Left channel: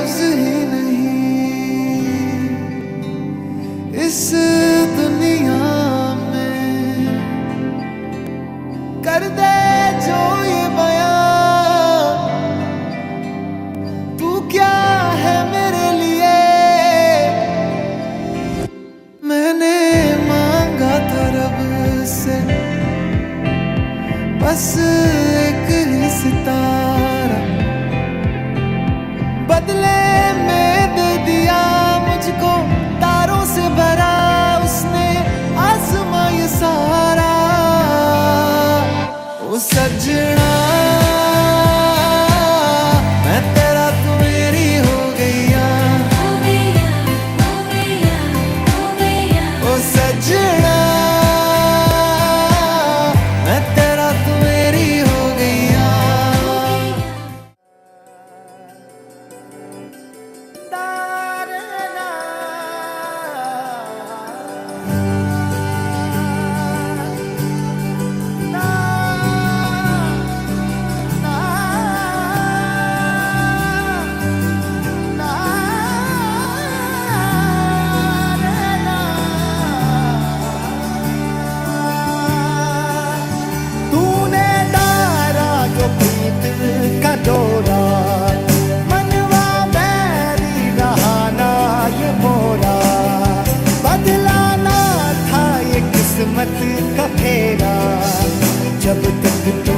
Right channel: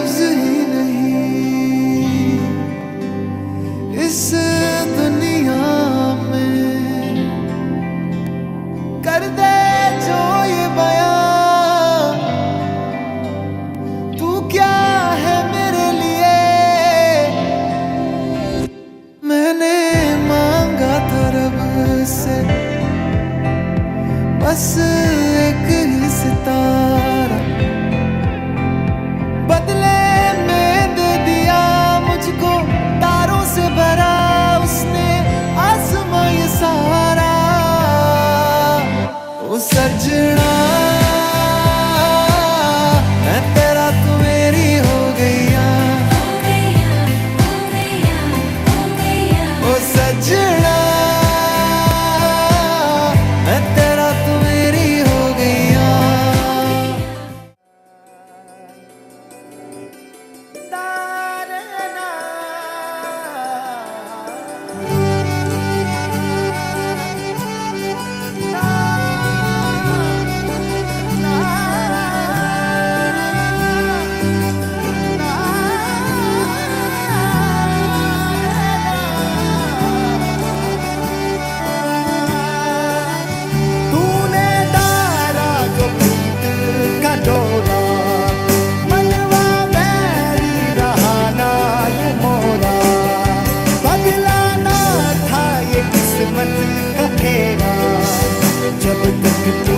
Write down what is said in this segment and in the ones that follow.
लफ्ज ही नहीं इस दुनिया में कर दे जो ये बयां, तू क्या है मेरे लिए। मैंने मांगा था रब से बस एक ही सितारा, बदले में दे दिया मुझको तारों से भरा उसने आसमां ये सारा। ओ सजना मैं तेरा तू मेरी हो गईया, ओ सजना मैं तेरा तू मेरी हो गईया। डोरा मनवा बैरी रहा ना ये मोरा, बदलाना था ये किस्मत का फेरा, जब तक तू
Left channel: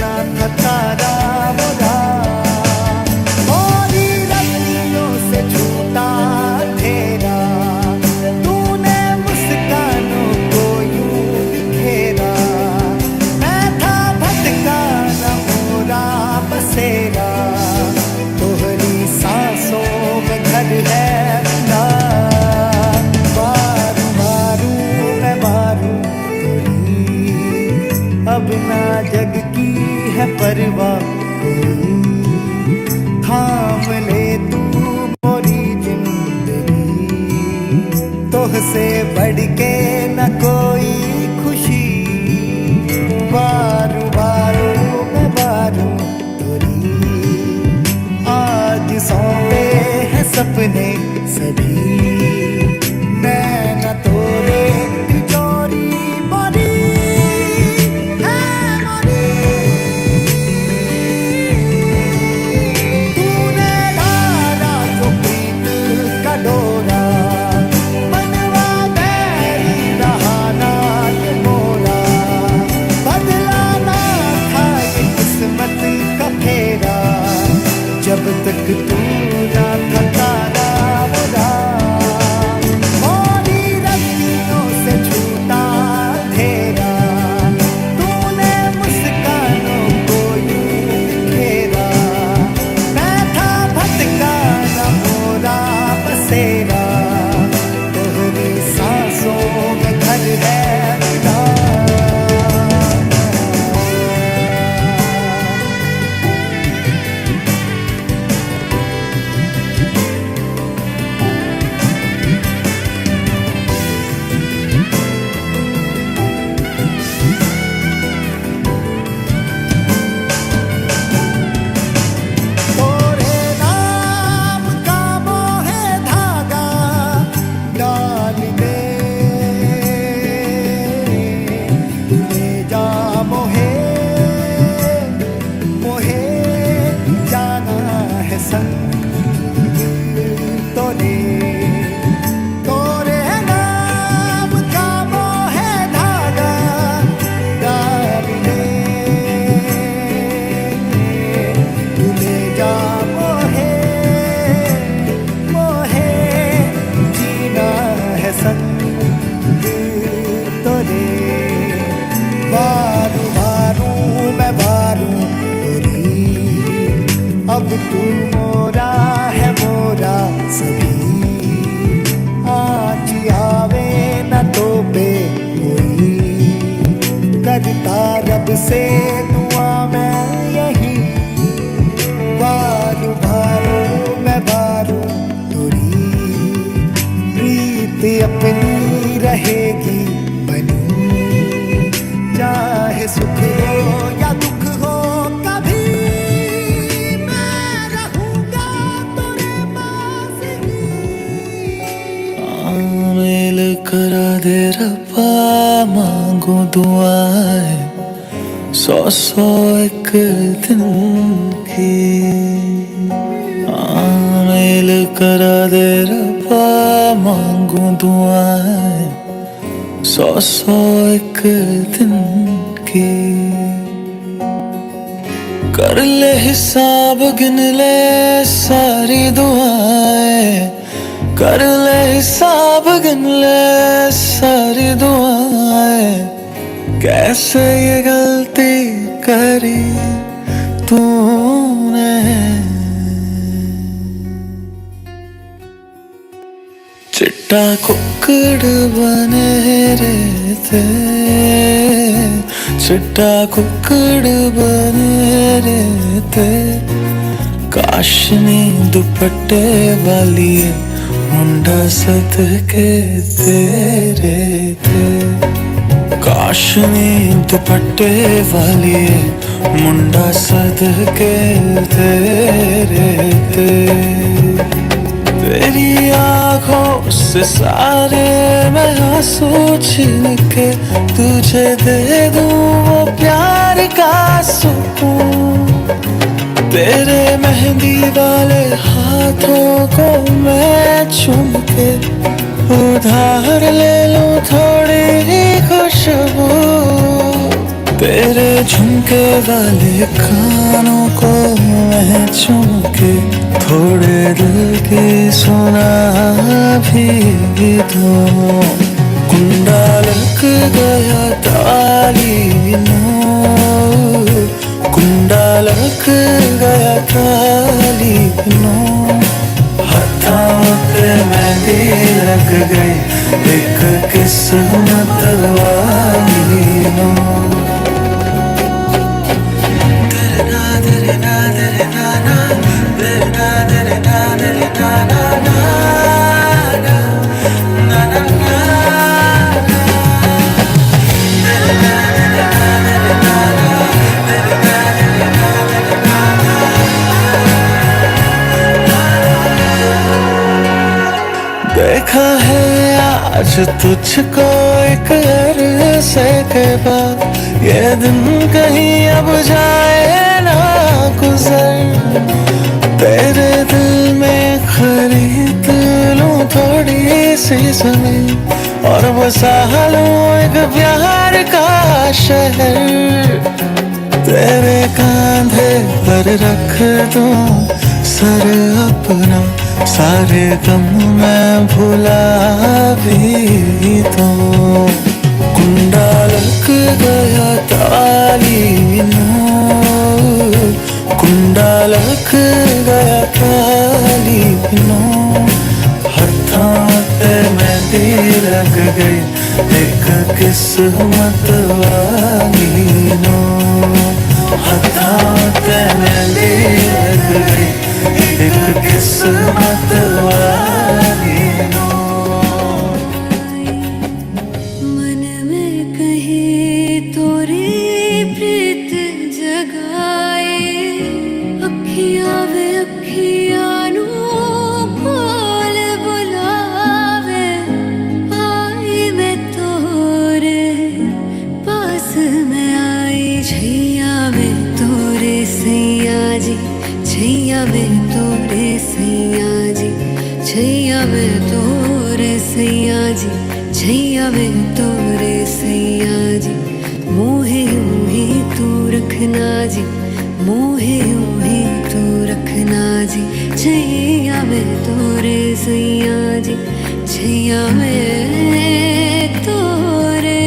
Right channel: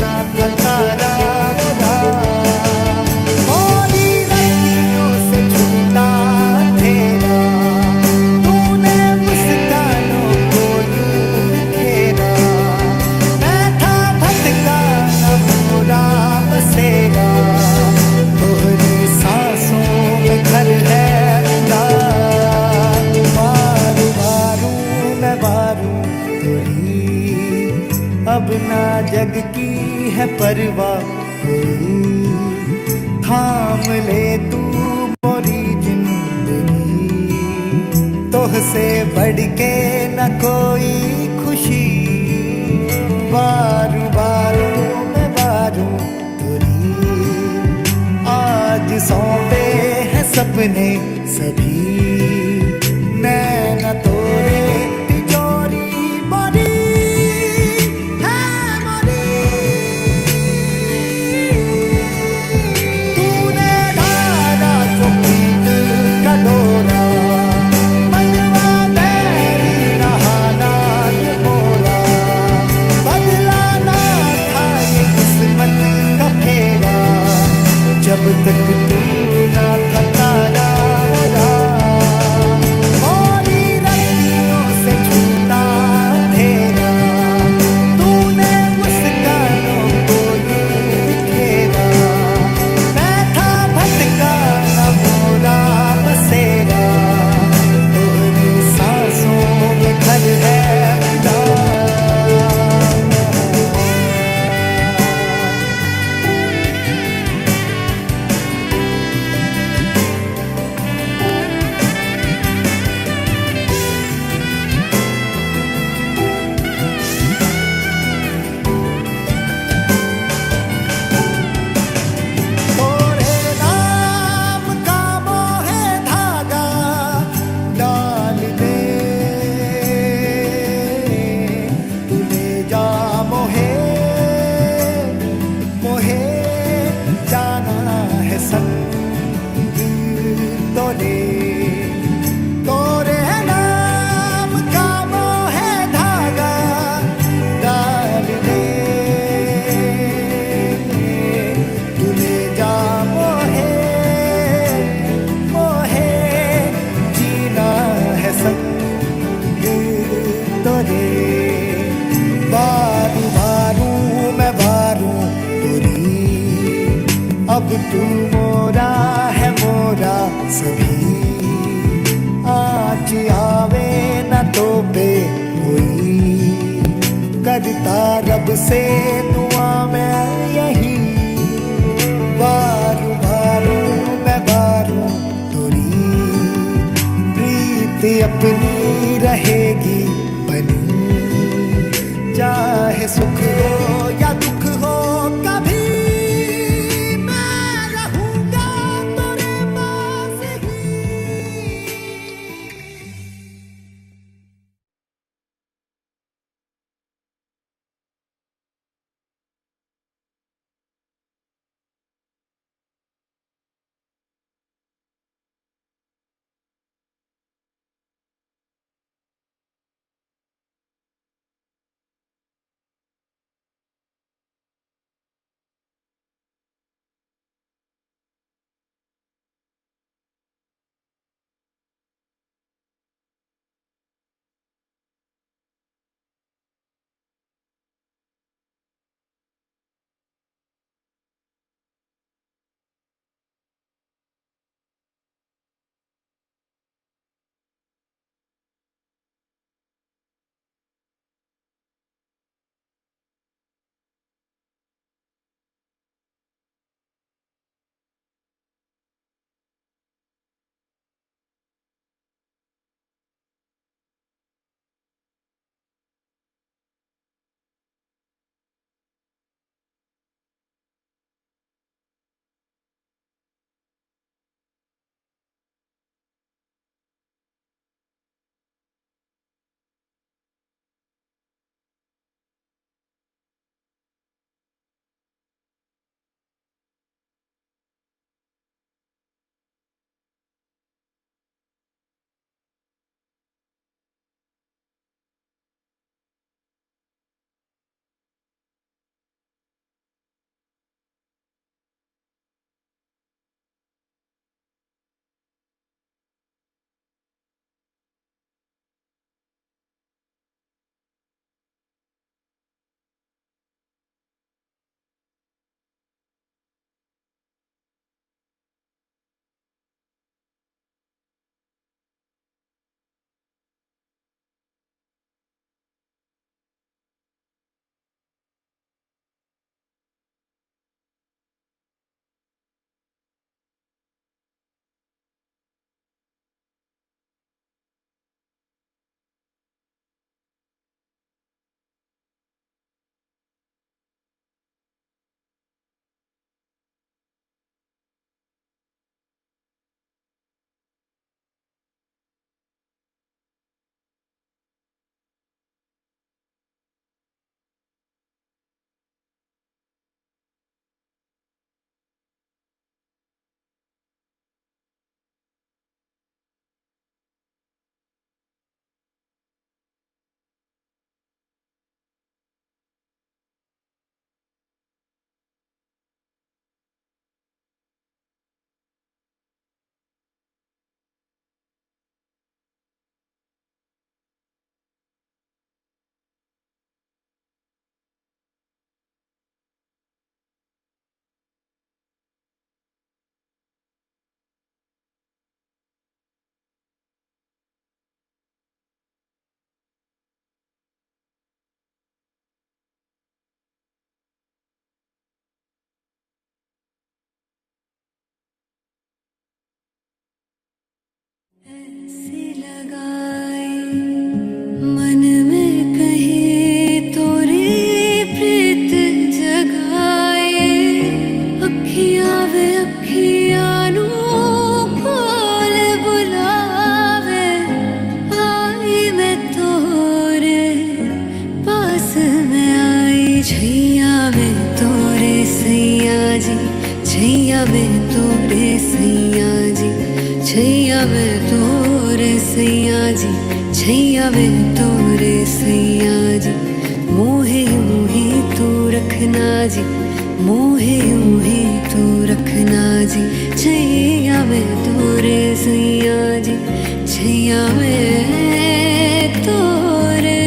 ना था तारा मोरा। मोरी रतियों से छूटा अंधेरा, तूने मुस्कानों को यूं बिखेरा, मैं था भटका न मोरा बसेरा, तोहरी सांसों में घर है मिला। बारू बारू मैं बारू तोरी, अब ना जग की है परवाह कोई, थाम ले तू मोरी जिंदगी, तोहसे बढ़ के न कोई खुशी। बारू बारू मैं बारू तोरी, आज सौंपे हैं सपने सभी, नैना तोरे तिजोरी मोरी है मोरी। तूने डाला जो प्रीत का डोरा, मनवा बैरी रहा ना ये मोरा, बदलाना था ये किस्मत का फेरा, जब तक तू ना था तारा मोरा। मोरी रतियों से छूटा अंधेरा, तूने मुस्कानों को यूं बिखेरा, मैं था भटका न मोरा बसेरा, तोहरी सांसों में घर है मिला। संग तोरे तोरे नाम का मोह धागा डाल दे, तू ले जा मोहे मोहे, जीना है संग तोरे। बारू बारू मैं बारू तोरी, अब तू मोरा है मोरा सभी, आज आवे न तो पे कोई, करता रब से दुआ मैं यही। बारू बारू मैं बारू तोरी, प्रीत अपनी रहेगी बनी, चाहे सुख हो या दुख हो कभी मैं रहूंगा तोरे रब्बा मांगो दुआएं 100 एक दिन की मेल करा दे रब्बा मांगो दुआएं 100 एक दिन की कर ले हिसाब गिन ले सारी दुआएं कर ले हिसाब गिन ले सारी दुआएं कैसे ये गलती करी तूने चिट्टा कुक्कड़ बने रहते चिट्टा कुक्कड़ बने रहते काशनी दुपट्टे वाली मुंडा सदके तेरे थे काशनी दुपट्टे वाली मुंडा सदके तेरे थे तेरी आँखों से सारे मैं आंसू छीन के तुझे दे दूं वो प्यार का सुकून तेरे मेहंदी वाले हाथों को मैं चूम के उधार ले लूं थोड़ी ही खुशबू तेरे झुमके वाले कानों को मैं चूम के थोड़े दिल की सुना भी दूं कुंडा लग गया ताली नो कुंडा लग गया ताली नो हाथों पे मेहंदी लग गई एक किस्मत वाली नो देखा है आज तुझको एक अरसे के बाद ये दिन कहीं अब जाए ना गुजर तेरे दिल में खरीद लूं थोड़ी सी ज़मीन और बसा लूं एक प्यार का शहर तेरे कांधे पर रख दूं सर अपना सारे गम मैं भुला भी दूं कुंडा लग गया ताली नो कुंडा लग गया ताली नो हाथों पे मेहंदी लग गई एक किस्मत वाली नो हाथों पे मेहंदी लग गई एक किस्मत वाली नो मन में कहीं तोरी प्रीत जगाए अखियां वे अखियां नू कोल बुलावे आई मैं तोरे पास में आई छैया वे तोरे सैया जी छैया वे तोरे सैया जी छैया वे तोरे सैया जी छैया वे तोरे सैया जी मोहे यूं ही तू रखना जी मोहे यूं ही तू रखना जी छैया वे तोरे सैया जी छैया वे तोरे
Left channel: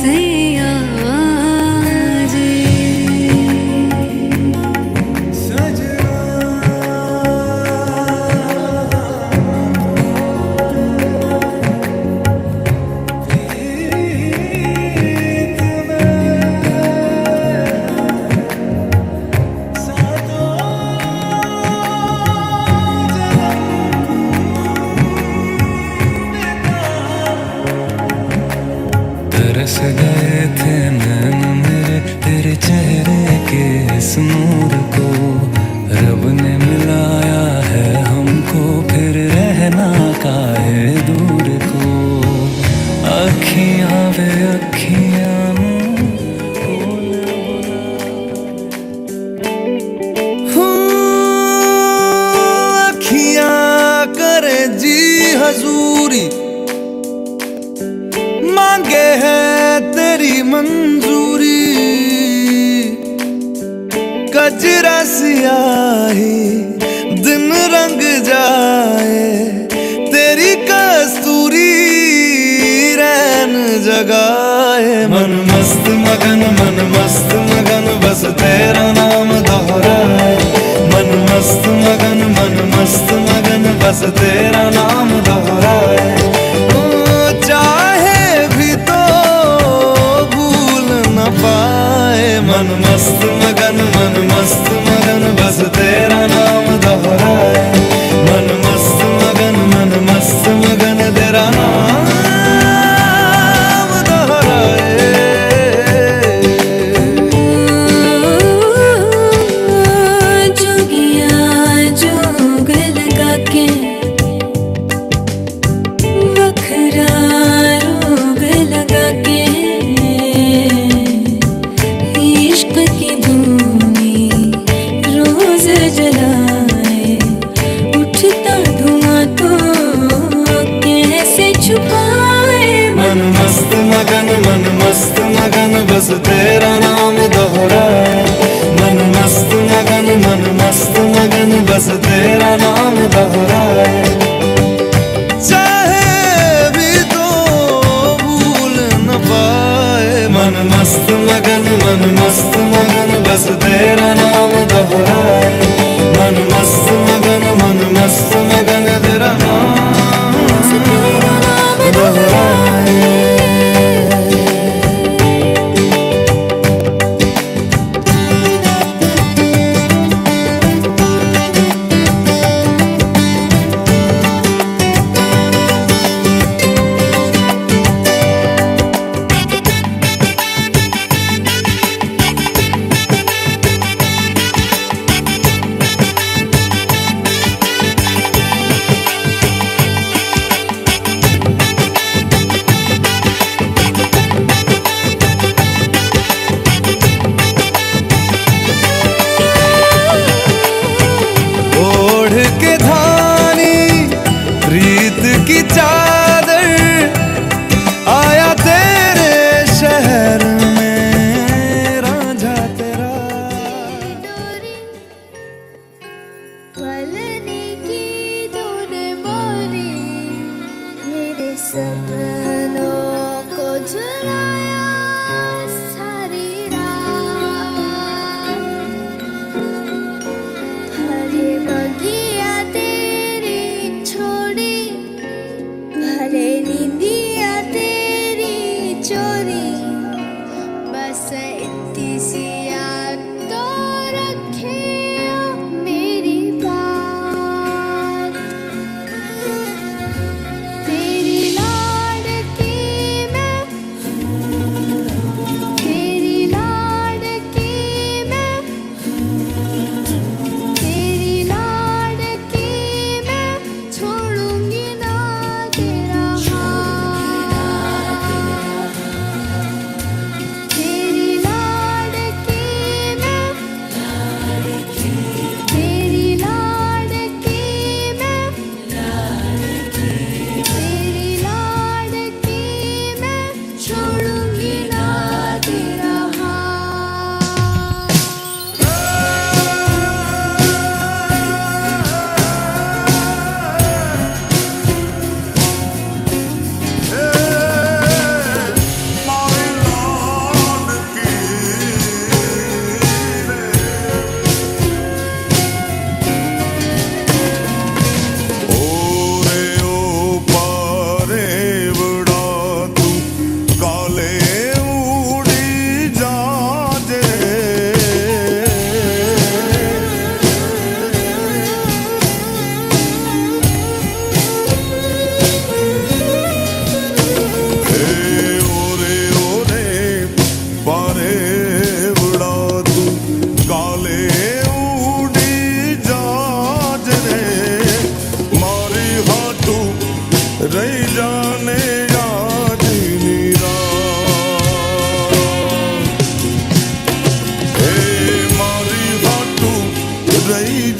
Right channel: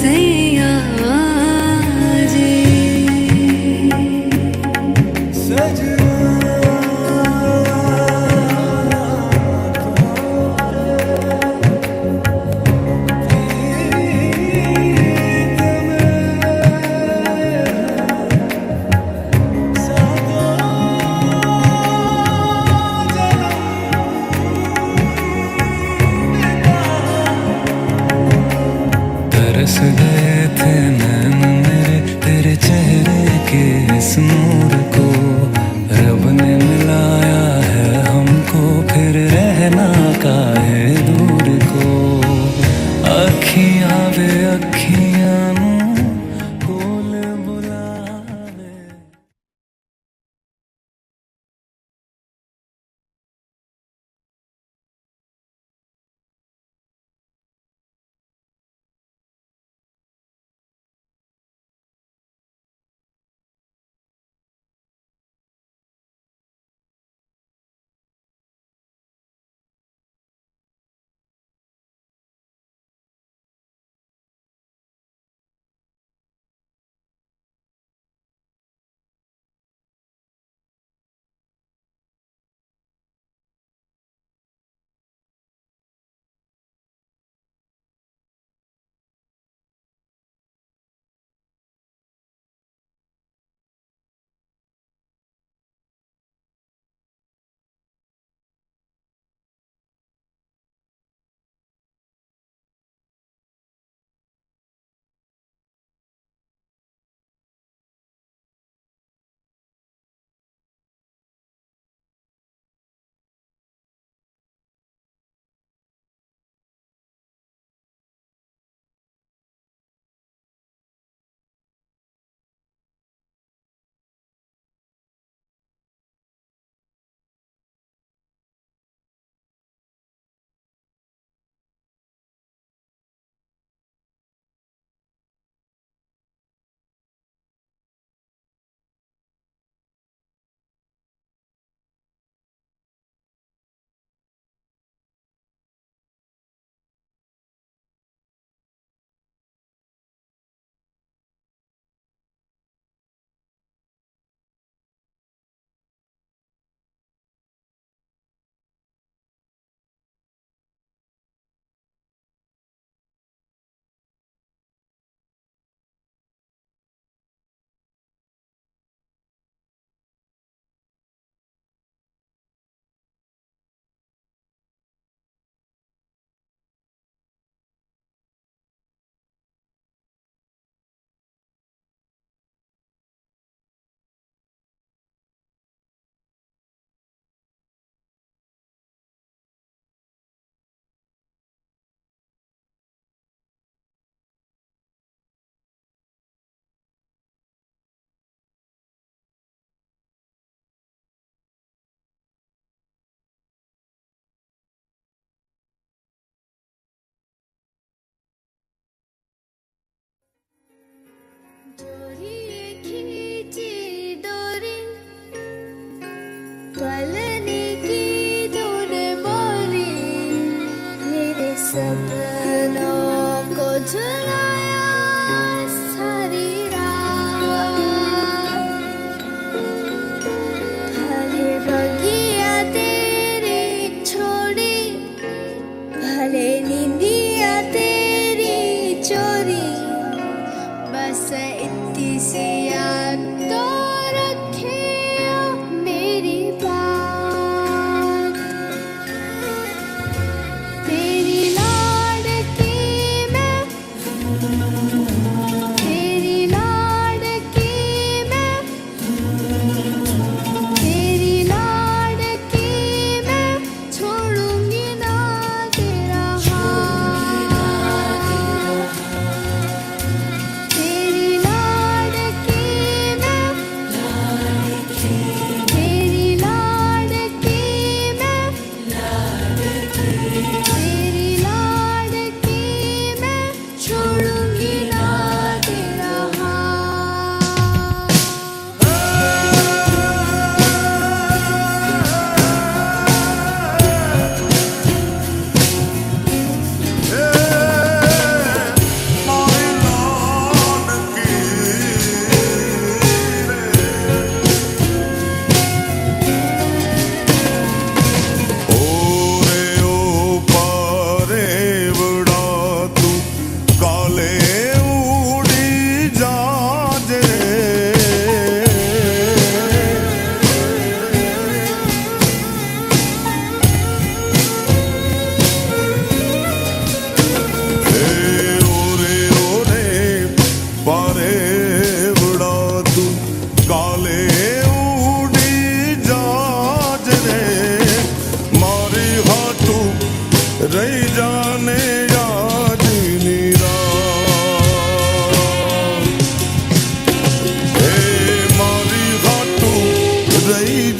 सैया जी तरस गए थे नैन मेरे तेरे चेहरे के इस नूर को रब ने मिलाया है हमको फिर रहना काहे दूर को अखियां वे अखियां नू कोल बुलावे। अखियां करे जी हजूरी, मांगे है तेरी मंजूरी। कजरा सियाही दिन रंग जाए, तेरी कस्तूरी रैन जगाए। मन मस्त मगन बस तेरा नाम दोहराए। मन मस्त मगन बस तेरा नाम दोहराए। चाहे भी तो भूल न पाए। मन मस्त मगन बस तेरा नाम दोहराए। मन मस्त मगन तेरा नाम दोहराए। जोगिया जोग लगा के वखरा रोग लगा के, इश्क की धूनी रोज जलाए। उठता धुआं तो कैसे छुपाए। मन मस्त मगन बस तेरा नाम दोहराए। मन मस्त मगन बस तेरा नाम दोहराए। चाहे भी तो भूल न पाए। मन मस्त मगन बस तेरा नाम दोहराए। मन मस्त मगन तेरा नाम दोहराए।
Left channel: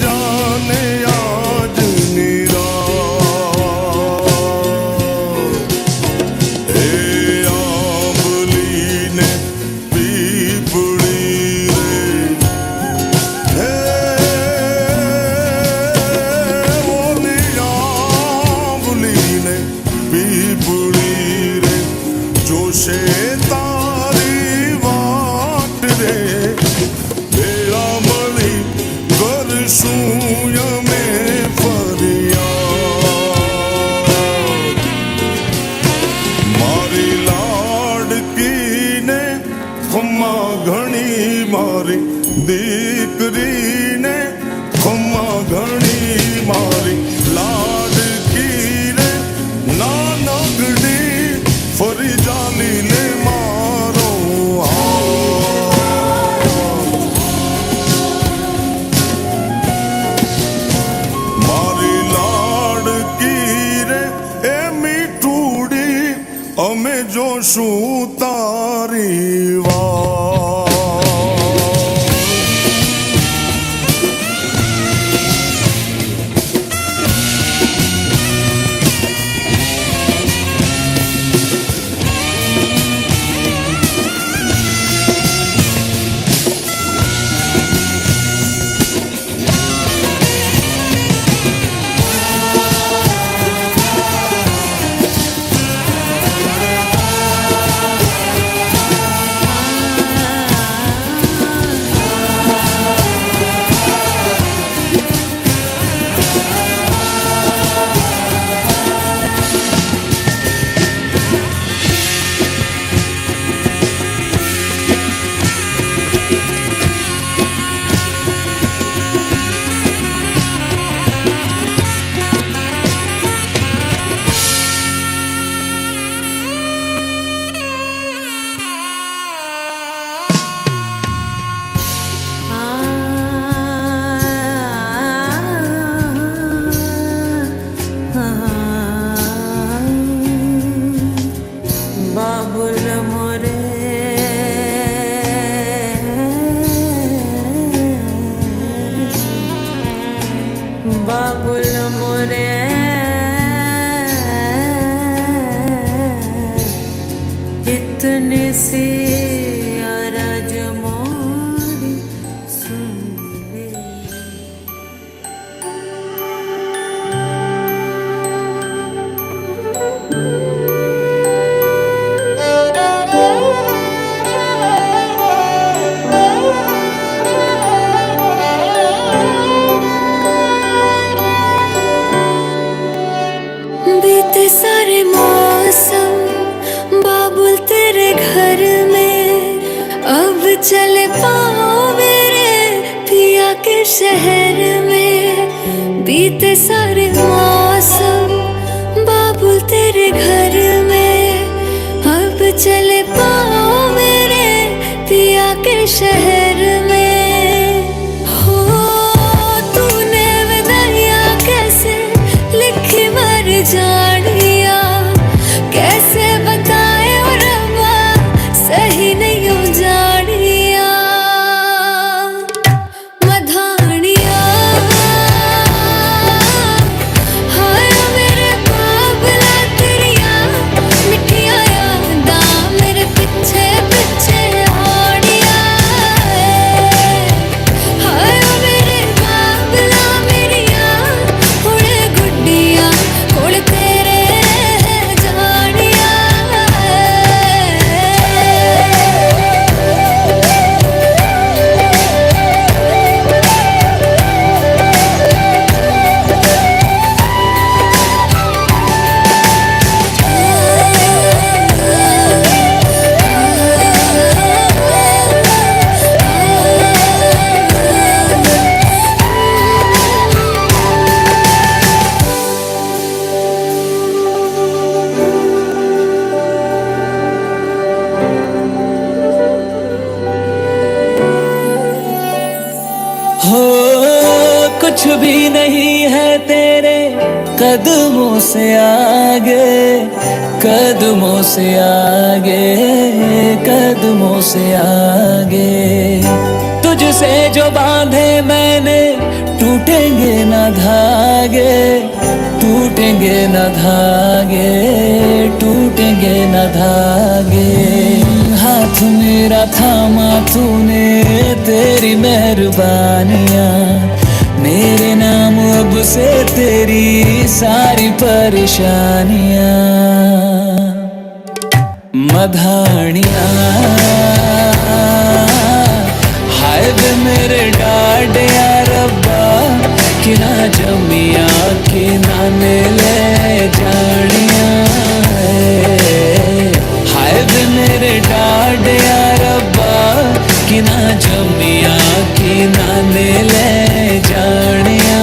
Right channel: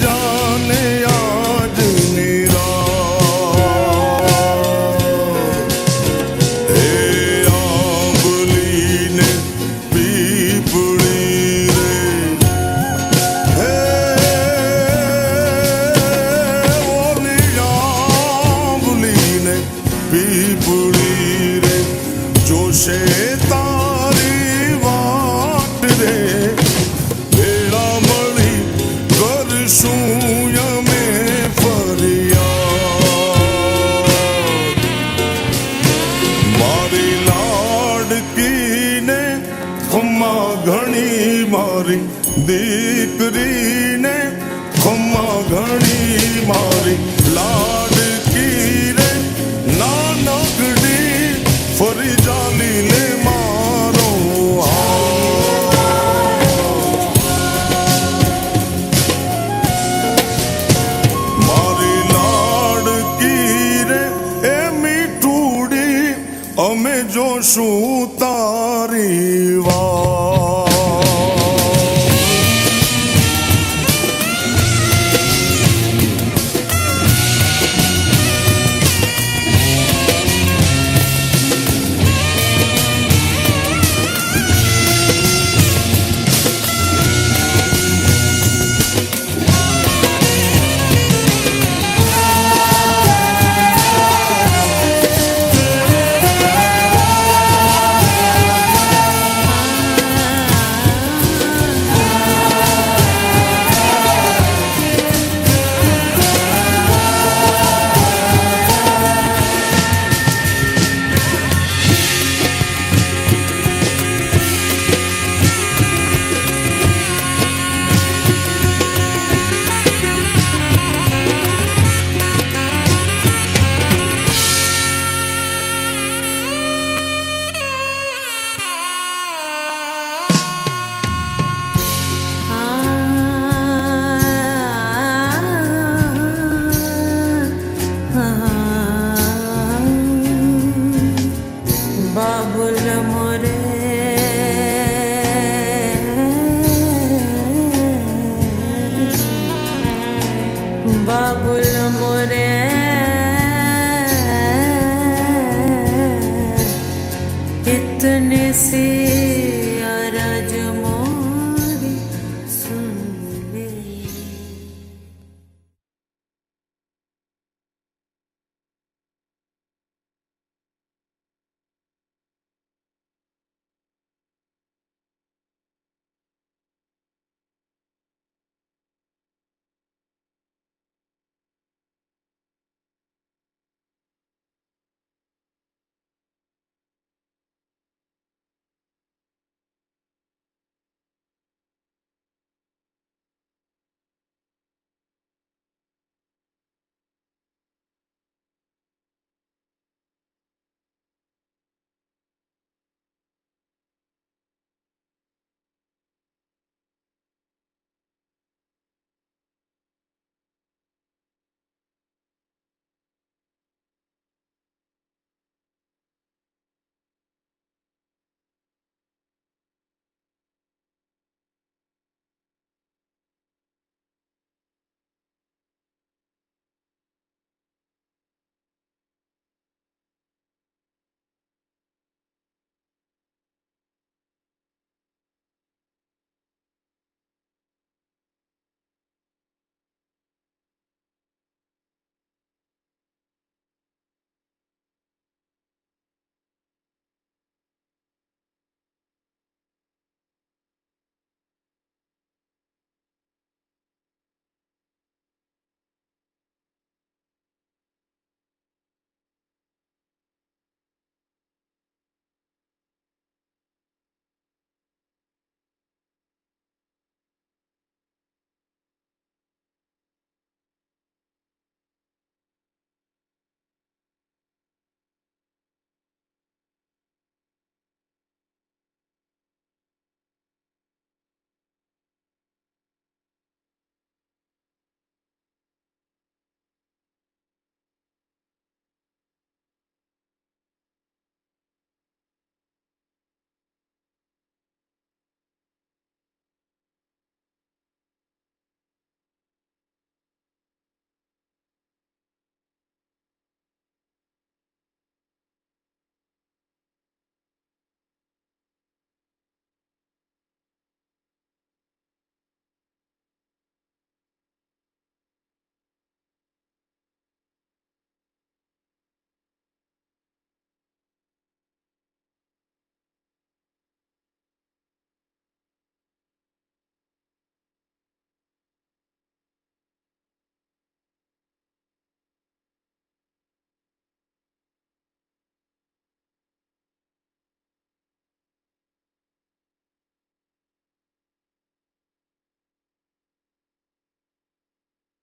जाने आज निराश। हे आंबली ने पीपड़ी रे, हे ओली आंबली ने पीपड़ी रे, जोशे तारी वाट रे, बेड़ा मળી કરશું યમે ફરિયાદ। મારી લાડકીને ખમ્મા ઘણી, મારી દીકરીને ખમ્મા ઘણી, મારી લાડકી રે નાનકડી ફરી જાલી લે મારો હાથ। મારી લાડકી રે એ મીઠુડી, અમે જોશું તારી વાત। बाबुल मोरे बाबुल मोरे इतने से अरज मोरी सुन ले। बीते सारे मौसम बाबुल तेरे घर में, अब चले पाओ मेरे पिया के शहर में। बीते सारे मौसम बाबुल तेरे घर में, अब चले पाओ मेरे पिया के शहर में। हो तूने विदाइयाँ कैसे लिखी मर जानिया, कैसे बताए ओ रब्बा सही नहीं हो जानिया। मधानिया हाय मेरे बाबला तेरिया मिठिया यादा मेरे पीछे पीछे आड़िया। हाय मेरे बाबला मेरिया हुणे गुड्डिया कोल तेरे जानिया। हो कुछ भी नहीं है तेरे कदमों से आगे, कदमों से आगे, कदमों से आगे। तुझसे जो बांधे मैंने टूट टूटेंगे न धागे, टूटेंगे न धागे, टूटेंगे न धागे। हाथ मेरा थामा तूने, तेरी मेहरबानियाँ, मेरे नाम अब से तेरी सारी परेशानियाँ। मधानियाँ हाय वे मेरे डाडिया रब्बा, कि ना जमिया कि ना ले जानिया। हाय वे मेरे डाडिया रब्बा, कि ना जमिया कि ना ले जानिया।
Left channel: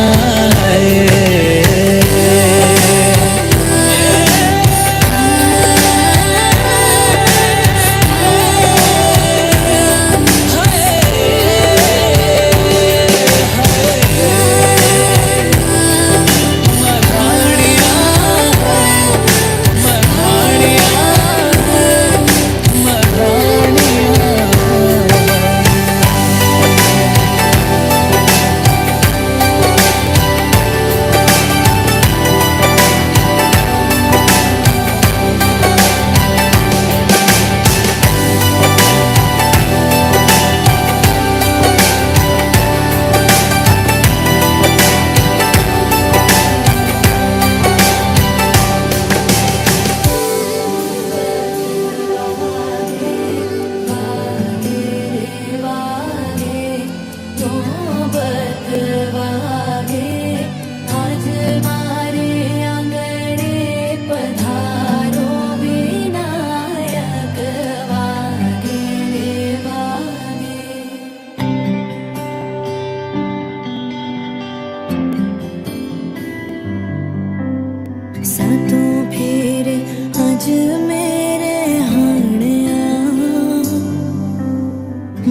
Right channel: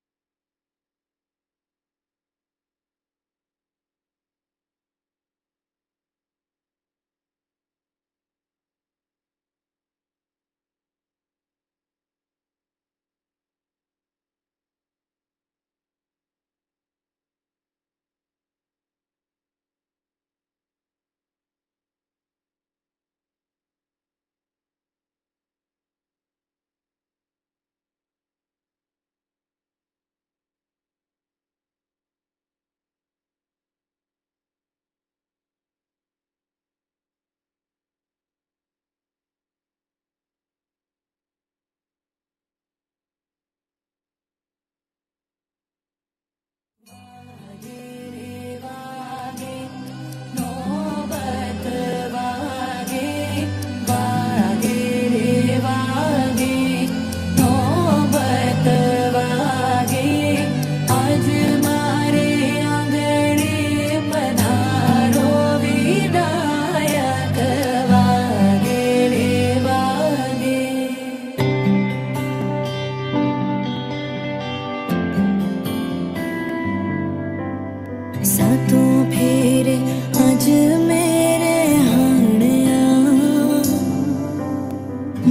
सातों फेरे अज मेरे हाणिया,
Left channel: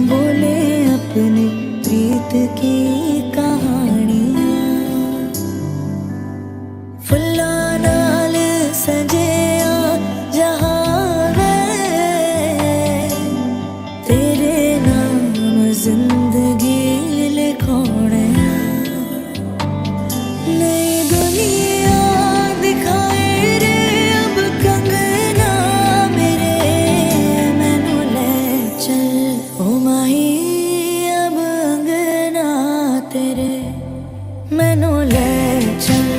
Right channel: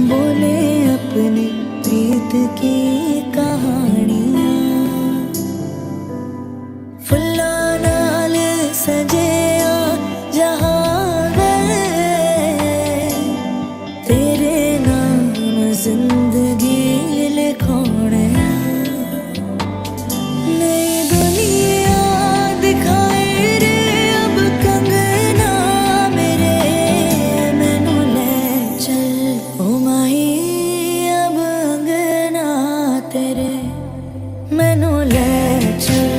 बोले अपनी प्रीत की कहानियां। फुल्ला नाल सजिया जहां वे, तेरे नाम जिंदगी लिखोने। नई दुनिया दिखाए रे अब कंगना मेरे, मैनू ले चल ओ माही अब अंगना तेरे। मैनू ले चल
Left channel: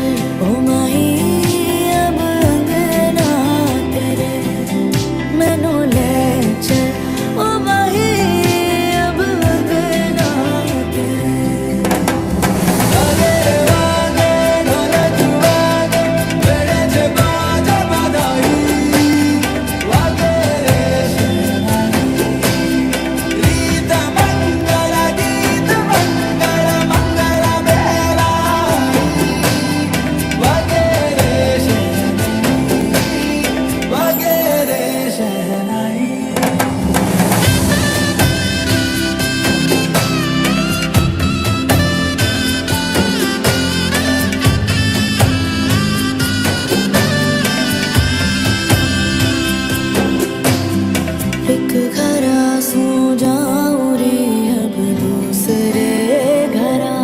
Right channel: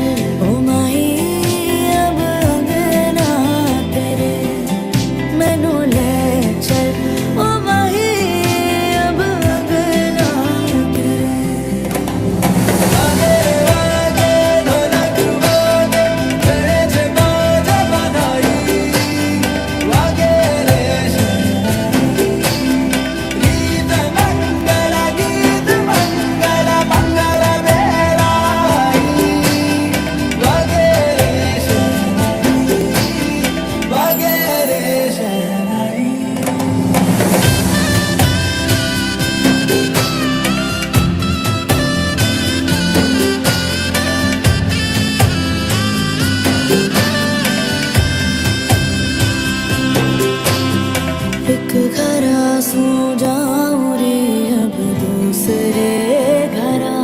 ओ माही अब अंगना तेरे। मैनू ले चल ओ माही अब अंगना तेरे। एक घरा सो जाऊं रे अब दूसरे घरा,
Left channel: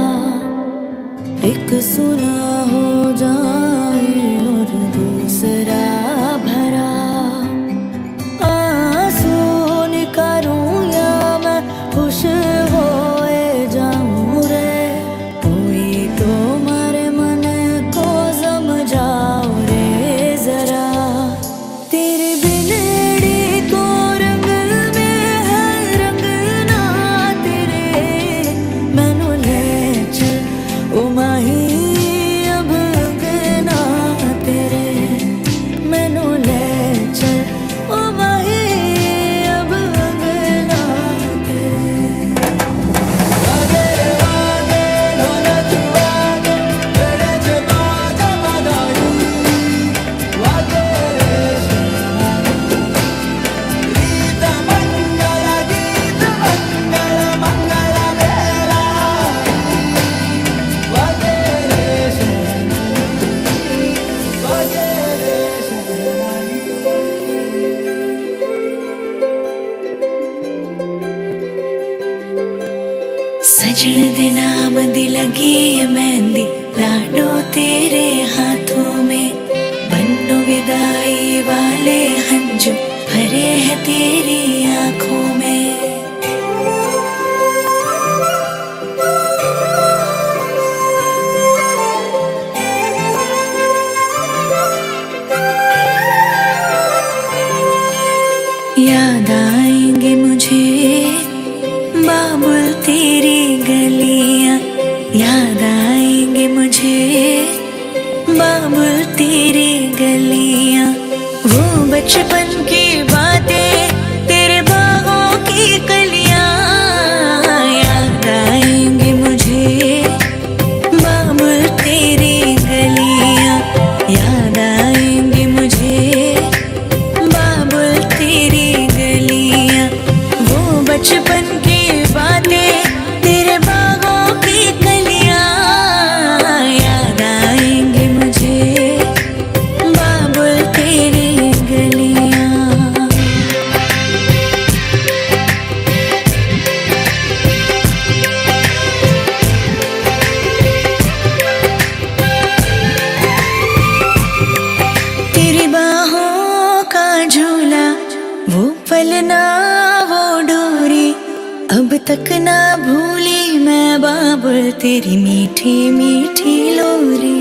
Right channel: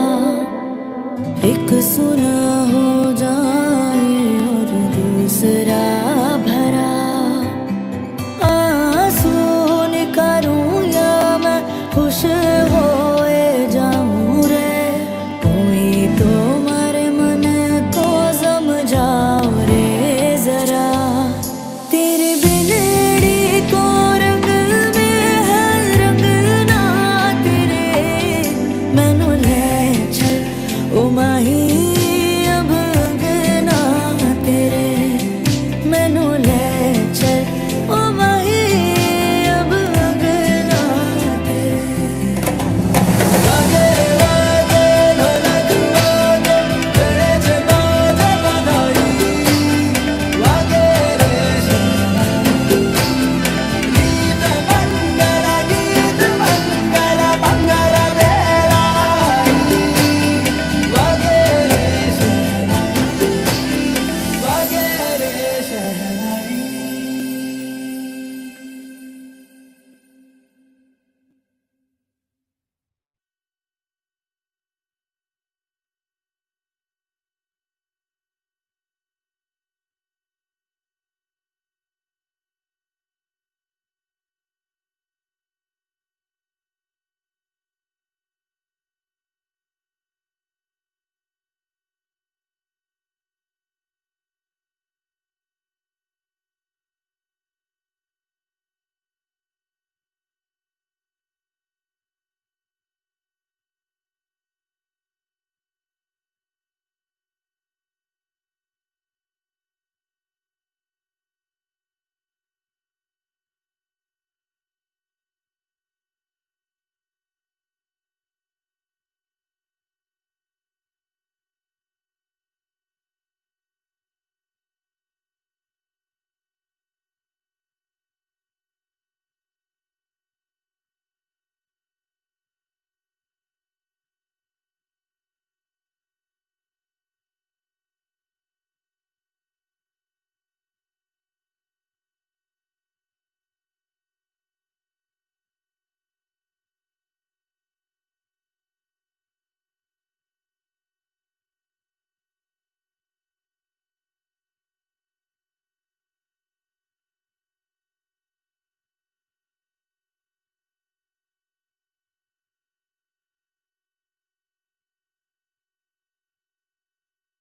एक सुना हो जाए और दूसरा भरा। आंसू निकालूं या मैं खुश होए जाऊं रे, कोई तो मारे मन को समझाओ रे जरा। तेरे बिनड़ी को रंग में है रंग सजन दे नाम दी लगी है मेहंदी, लाडो तेरे हाथों में, बन्नो विदाई वाले हंजू भरे हैं तेरी आंखों में। याद आएंगे मुझे बाबुल तेरी गलियां, याद आएंगे मुझे बाबुल तेरी गलियां, वो बचपन की बातें तेरे बागों की कलियां। याद आएंगे मुझे बाबुल तेरी गलियां, याद आएंगे मुझे बाबुल तेरी गलियां, वो बचपन की बातें तेरे बागों की कलियां। याद आएंगे मुझे बाबुल तेरी गलियां। तेरी बाहों का झूला, वो पलना वो डोरी, अब तक ना भूली मैं बाबुल तेरी मीठी मीठी लोरी।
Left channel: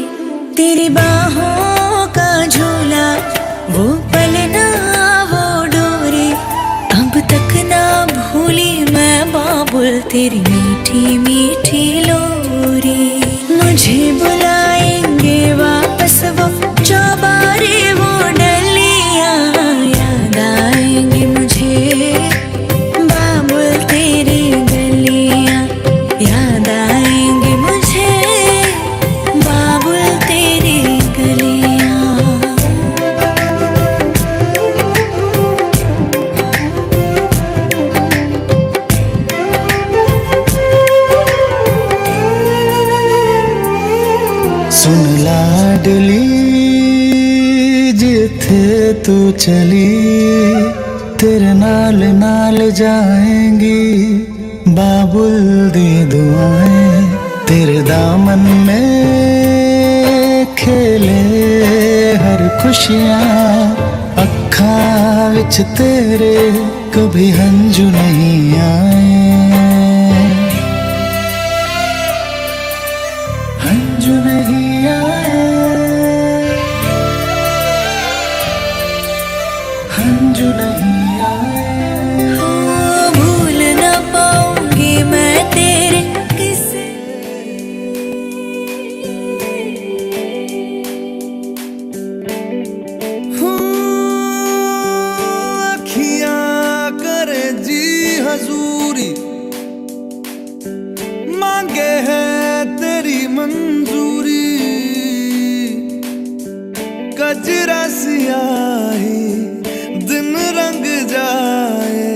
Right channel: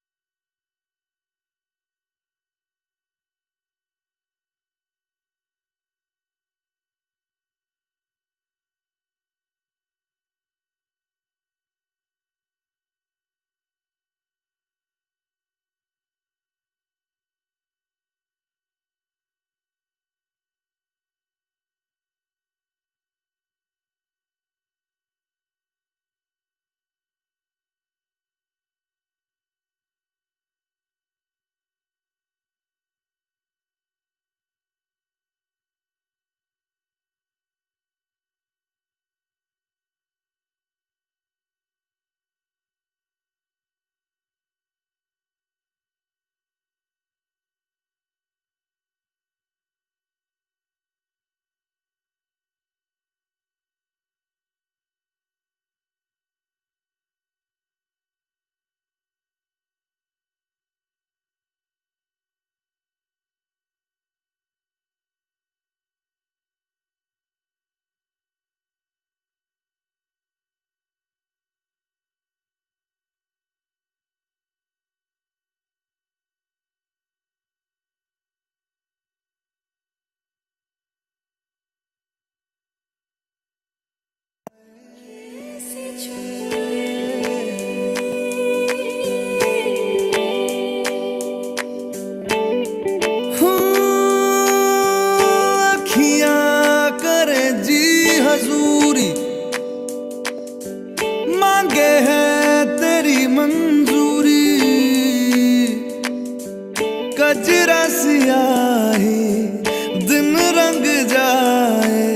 तेरी बाहों का झूला, वो पलना वो डोरी, अब तक ना भूली मैं बाबुल तेरी मीठी मीठी लोरी। मुझे बुलाएंगे वापस वो चौबारे वो डलियां, याद आएंगे मुझे बाबुल तेरी गलियां, याद आएंगे मुझे बाबुल तेरी गलियां। सुन लाडली जिथे तू चली, तेरे नाल नाल जाएंगी बाबुल दी दुआएं। तेरे दामन में खेले हर खुशियाँ, अखां विच तेरे कभी हंजू नहीं आए, हंजू नहीं आए, हंजू नहीं आए। भूल न पाऊंगी मैं तेरे किसे, अखियां करे जी हजूरी, मांगे है तेरी मंजूरी। कजरा सियाही दिन रंग जाए,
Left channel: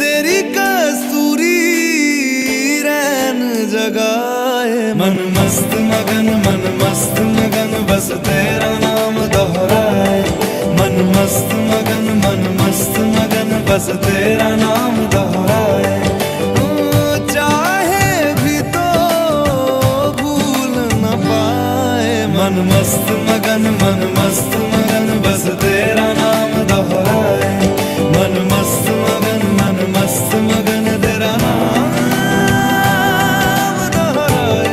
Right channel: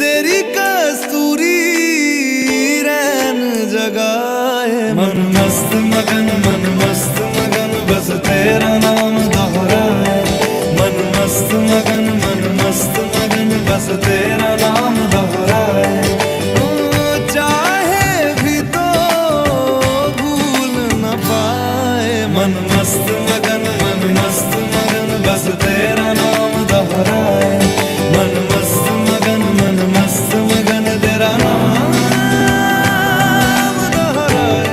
तेरी कस्तूरी रैन जगाए। मन मस्त मगन बस तेरा नाम दोहराए। मन मस्त मगन बस तेरा नाम दोहराए। चाहे भी तो भूल न पाए। मन मस्त मगन बस तेरा नाम दोहराए। मन मस्त मगन तेरा नाम दोहराए।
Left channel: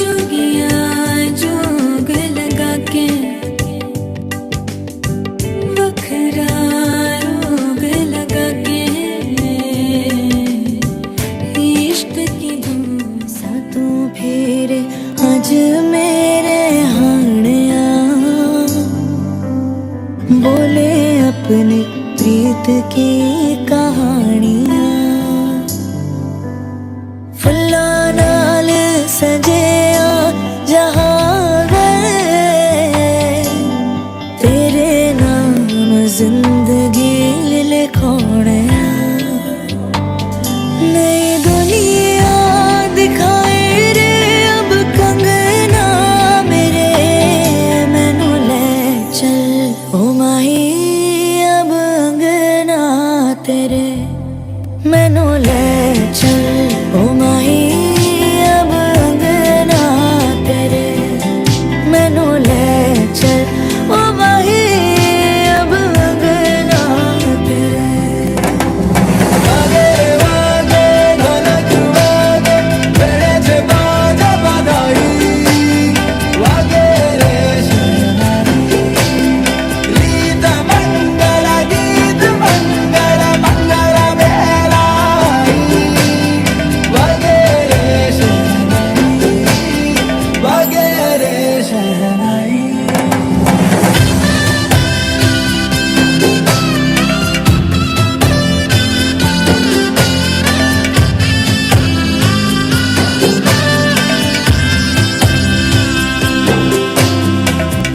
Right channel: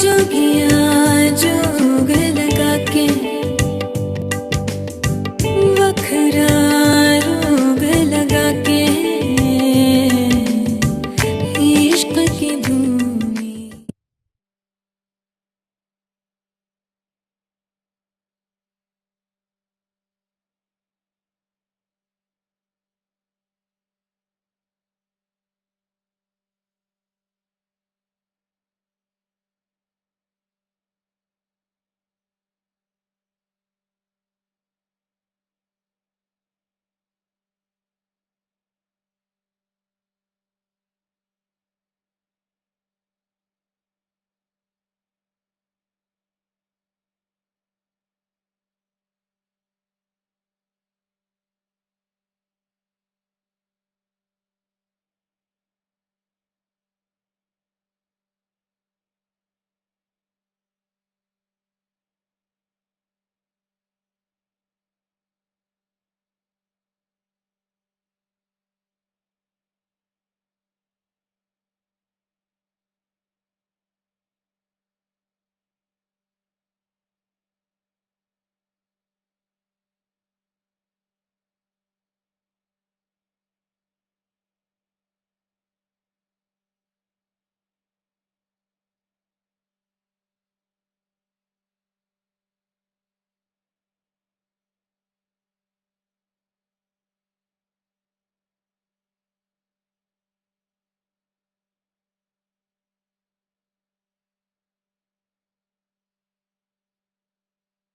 जोगिया जोग लगा के वखरा रोग लगा के, इश्क की धूम सा तू फेरे आज मेरे हाणिया। बोले अपनी प्रीत की कहानियां, फुल्लां नाल सजिया जहां वे, तेरे नाम जिंदगी लिखोणे। नई दुनिया दिखाए रे अब कंगना मेरे, मैनू ले चल ओ माही अब अंगना। तेरे मैनू ले चल ओ माही अब अंगना तेरे मैनू ले चल ओ माही अब अंगना तेरे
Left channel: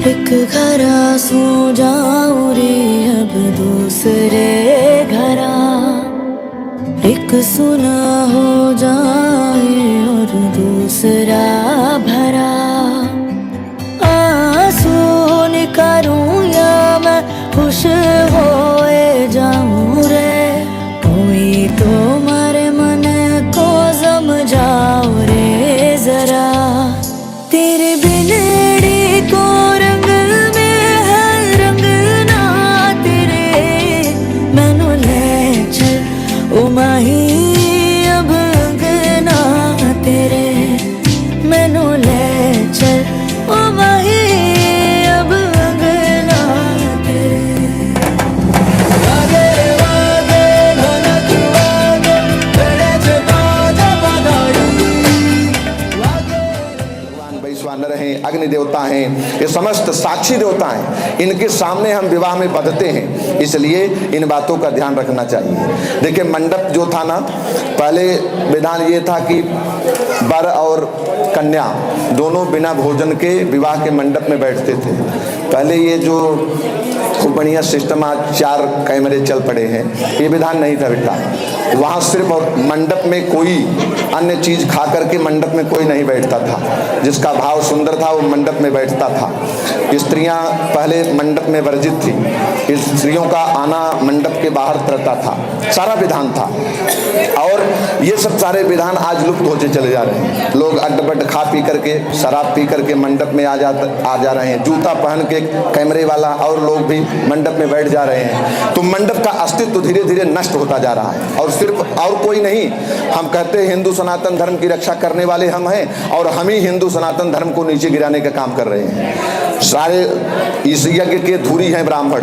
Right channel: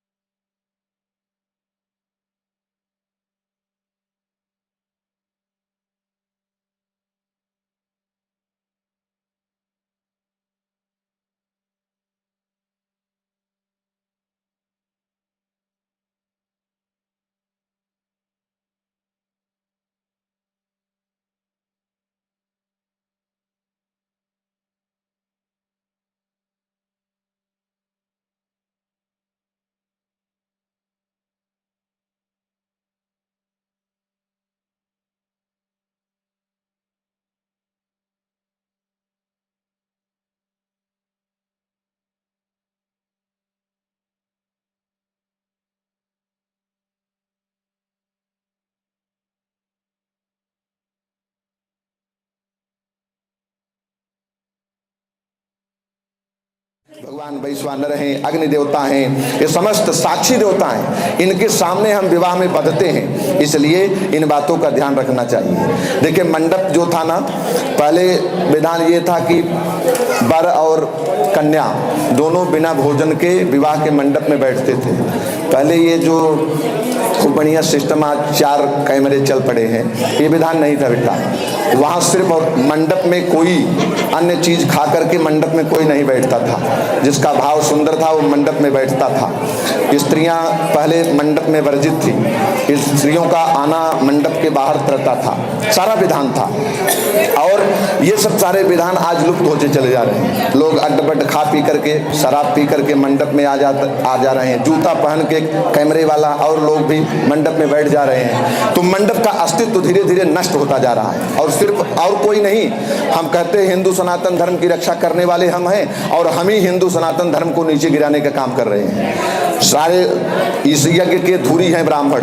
एक घरा सो जाऊं रे अब दूसरे घरा एक सुना हो जाए और दूसरा भरा आंसू निकालूं या मैं खुश होए जाऊं रे कोई तो मारे मन को समझाओ रे जरा तेरे बिनड़ी को रंग में है रंगना तेरे मैनू ले चल ओ माही अब अंगना तेरे मैनू ले चल ओ माही अब अंगना तेरे भगवान वैश्वानर हैं, अग्नि देवता हैं, ये समस्त साक्षी देवता हैं, इनके सामने हम विवाह में बंधते हैं, इसलिए इन बातों का ध्यान रखना चाहिए। देखिए मंडप जो था ना, पहले विधान ये था कि वर और कन्या दोनों बिना भोजन के विवाह के मंडप में बैठते थे। पहले ये जो खूब बढ़िया सिस्टम आज 4 कैमरे चल पड़े हैं, ये विधान नहीं था बेटा। वहाँ सिर्फ और मंडप में कोई अन्य चीज खा करके मंडप में कोई नहीं बैठता था। जिसका भाव सुंदर था वो मंडप में बैठता था। स्त्रियां पहले मंडप में वर्जित थी, स्त्रियों का आना मंडप के बाहर रहता था, सारा विधान था। और ये सब सारे विधान आज लुप्त होते चले जा रहे हैं। लोग अड्ड-बड्ड खा पी करके, शराब पी करके मंडप में आ जा रहे हैं। जूता पहन के कैमरे वाला और लोग भी मंडप में बैठ जा रहे हैं। तो मंडप का अस्तित्व धीरे धीरे नष्ट होता जा रहा है। और सिर्फ और कोई नहीं, हम कहते हैं हिंदू सनातन धर्म की रक्षा करने वाले हम हैं, और हम ही हिंदू सनातन धर्म को नीचे गिराने का काम कर रहे हैं। सारे इस यज्ञ के धुरी हैं ब्राह्मण,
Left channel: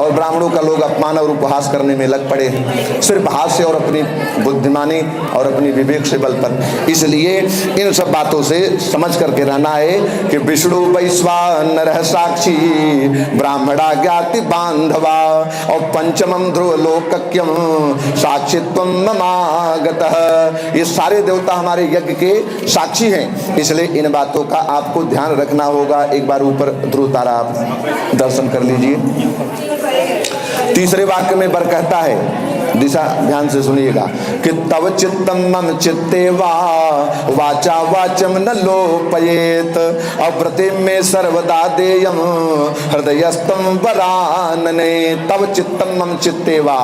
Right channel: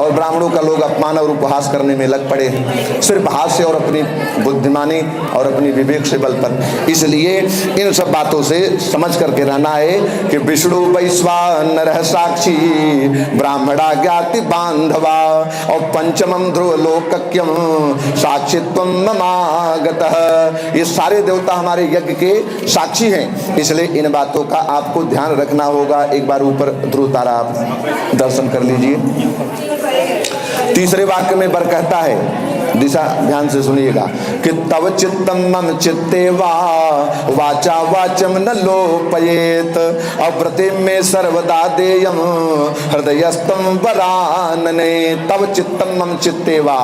और ब्राह्मणों का लोग अपमान और उपहास करने में लग पड़े हैं, सिर्फ हास्य और अपनी बुद्धिमानी और अपनी विवेक से बल पर। इसलिए इन सब बातों से समझ करके रहना है कि विष्णु वैश्वानर साक्षी ब्राह्मणा ज्ञाति बांधवा और पंचमम ध्रुव लोकक्यम साक्षित्वम ममागतः। ये सारे देवता हमारे यज्ञ के साक्षी हैं, इसलिए इन बातों का आपको ध्यान रखना होगा। एक बार ऊपर ध्रुव तारा आप दर्शन कर लीजिए। तीसरे वाक्य में वर कहता है, दिशा ध्यान से सुनिएगा, कि तव चित्तम मम चित्ते वाचा वाचम न लोपयेत अव्रते में सर्वदा देयम हृदयस्तम वरानने। तव चित्तम मम चित्ते वा,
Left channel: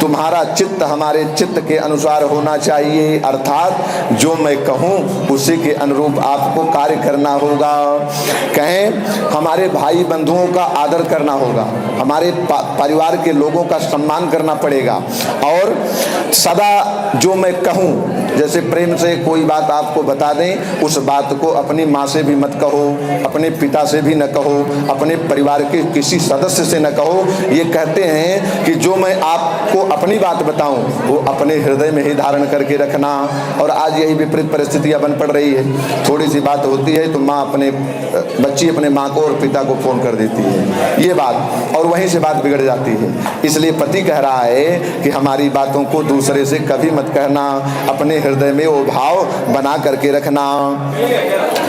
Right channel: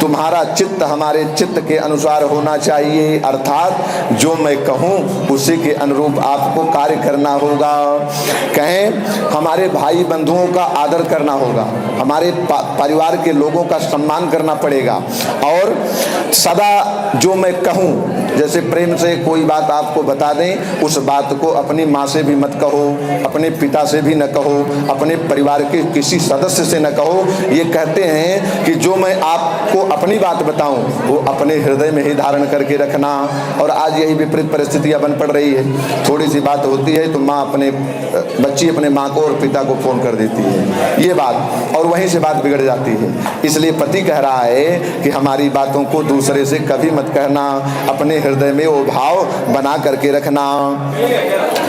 तुम्हारा चित्त हमारे चित्त के अनुसार होना चाहिए, अर्थात जो मैं कहूँ उसी के अनुरूप आपको कार्य करना होगा। कहें हमारे भाई बंधुओं का आदर करना होगा, हमारे परिवार के लोगों का सम्मान करना पड़ेगा, और सदा जो मैं कहूँ, जैसे प्रेम से कोई बात आपको बता दें, उस बात को अपनी माँ से भी मत कहो, अपने पिता से भी न कहो, अपने परिवार के किसी सदस्य से न कहो। ये कहते हैं कि जो मैं आपको अपनी बात बताऊं वो अपने हृदय में ही धारण करके रखना। और आज यही विपरीत परिस्थितियां बन पड़ रही है। थोड़ी सी बात होती है तो बच्ची अपने माँ को और पिता को फोन कर देती है, ये बात, और वहीं से बात बिगड़ जाती है। इसलिए पति कह रहा है कि हमारी बातों को दूसरे से कभी मत कहना, अपने हृदय में वो भाव बना करके रखना।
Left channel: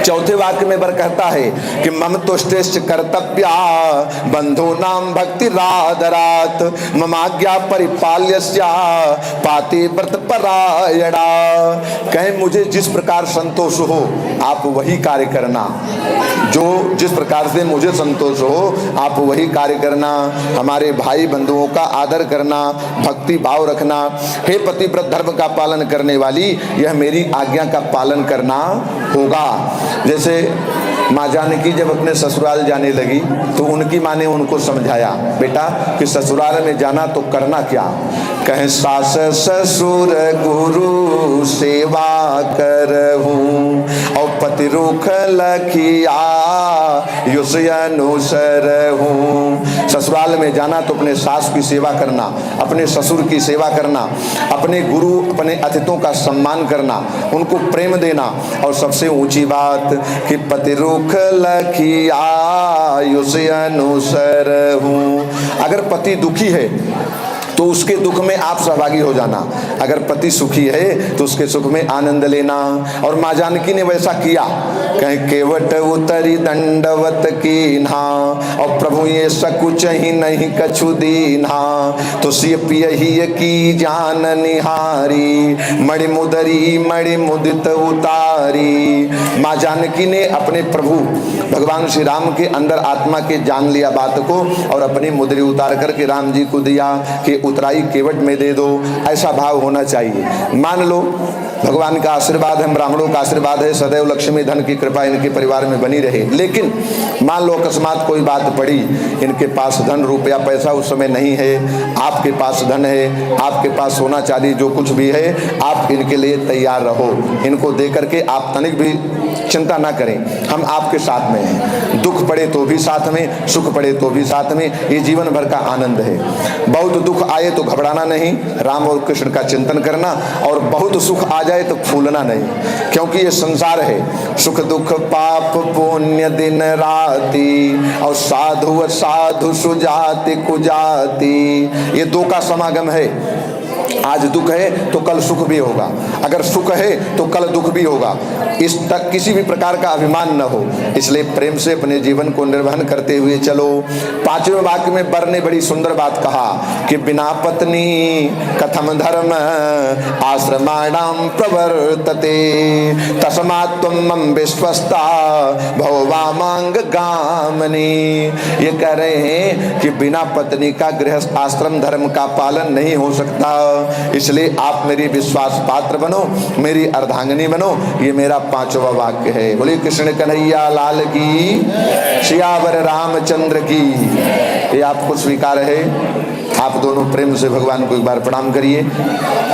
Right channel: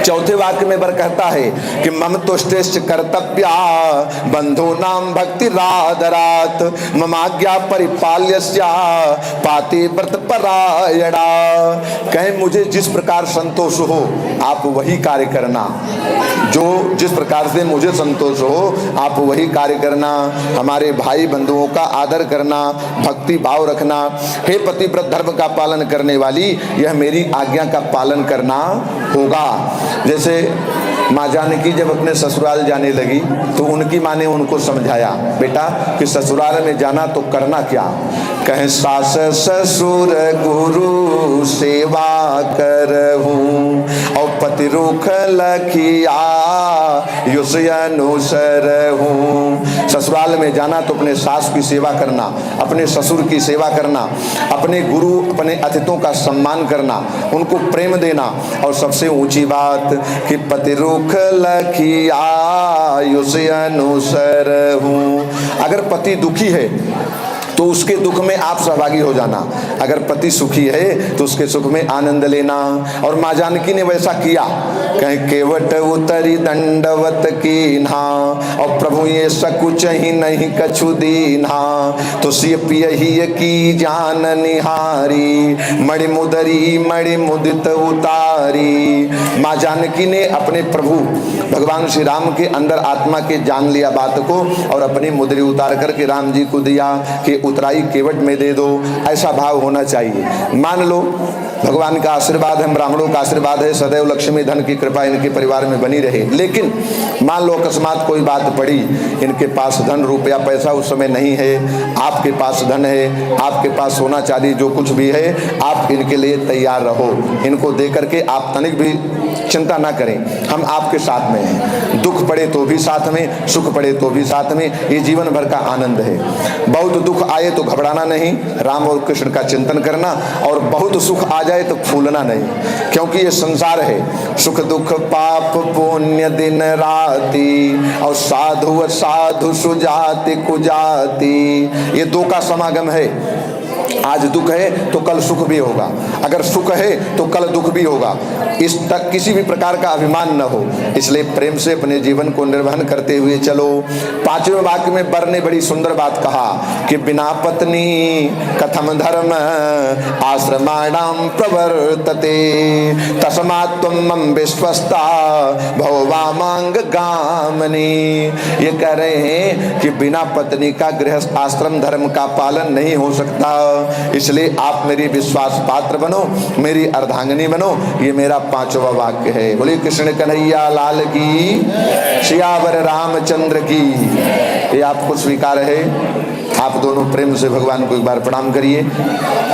चौथे वाक्य में वर कहता है कि मम तुष्टेश्च कर्तव्या बंधो नाम भक्ति राधरात ममाज्ञा पाल्यस्या पाते व्रत परायणा। कहें मुझे जिस प्रकार संतोष हो आप वही कार्य करना, जो जिस प्रकार से मुझे संतोष हो आप वही कार्य करना। हमारे भाई बंधुओं का आदर करना, भक्ति भाव रखना। हे पतिव्रत धर्म का पालन करने वाली, यह मेरी आज्ञा का पालन करना होगा। जैसे माँ जानकी जब अपने ससुराल जाने लगी तो उनकी माँ ने उनको समझाया, बेटा कि ससुराल में जाना तो करना क्या। कहें सास ससुर गुरु सेवा करहूँ और पति रुख लखिया युष अनुसर हूँ। ससुराल में जाना तो अपने सास की सेवा करना, अपने ससुर की सेवा करना, अपने गुरु अपने अतिथियों का सम्मान करना, उनको प्रेम देना। और सबसे ऊंची बात कि पति रुख लखिया युष अनुसर हूँ। अगर पति दुखी है तो उसके दुख में आप सहभागी हो जाना, अगर पति सुखी है तो उसके सुख में आनंद लेना। और माँ जानकी ने वैसा किया। कहें केवट उतरी दंडवत कीन्हा और प्रभु ये सकुच ही नहीं कछु दीन्हा, तो सिय पियहि की जान निहारी मणि मुदरी मणि मुदित उतारी। माँ जानकी ने अपने प्रभु भगवान श्री राम के अंदर आत्मा के जान लिया बात को और अपनी मुद्री उतार करके राम जी को दिया कि उतराई केवट में दे दो। ऐसा भाव होना चाहिए। मान लो भगवान का आशीर्वाद है, ब्राह्मणों का आशीर्वाद है, सदैव लक्ष्मी धन की कृपा इनके परिवार में बनी रहे। लेकिन मान लो अकस्मात कोई बात पड़ी, इनके पास धन रुपया पैसा उस समय नहीं है, आपके पास धन है, आपके पास सोना चांदी जो कुछ भी है, आप इनके लिए तैयार रहो। इनको दे करके आप तनिक भी चिंता ना करें, हम आपके साथ में हैं। दुख पड़े तो भी साथ में, सुख पड़े तो भी साथ में, ये जीवन भर का आनंद है। बहुत दुख आए तो घबराना नहीं, राम और कृष्ण का चिंतन करना, और बहुत सुख आ जाए तो फूलना नहीं, क्योंकि ये संसार है। सुख दुख पाप पुण्य दिन राति और साधु साधु सुजाति कुजाति, ये दो का समागम है। आज दुख है तो कल सुख भी होगा, अगर सुख है तो कल दुख भी होगा। इस तक किसी भी प्रकार का अभिमान न हो, इसलिए प्रेम से अपने जीवन को निर्वहन करते हुए चलो। पांचवें वाक्य में बर ने बड़ी सुंदर बात कहा कि बिना पत्नी कथम धर्म आश्रमाणाम प्रवर्तते तस्मात् त्वं मम विश्वस्ता भवामांग गामनी। ये कह रहे हैं कि बिना पत्नी का गृहस्थ आश्रम धर्म का पालन नहीं हो सकता, इसलिए आप मेरी विश्वास पात्र बनो, मेरी अर्धांगिनी बनो। ये मेरा पांचवा वाक्य है। बोलिए कृष्ण कन्हैया लाल की, सियावर रामचंद्र की। ये आपको स्वीकार है? आप दोनों प्रेम से भगवान को एक बार प्रणाम करिए।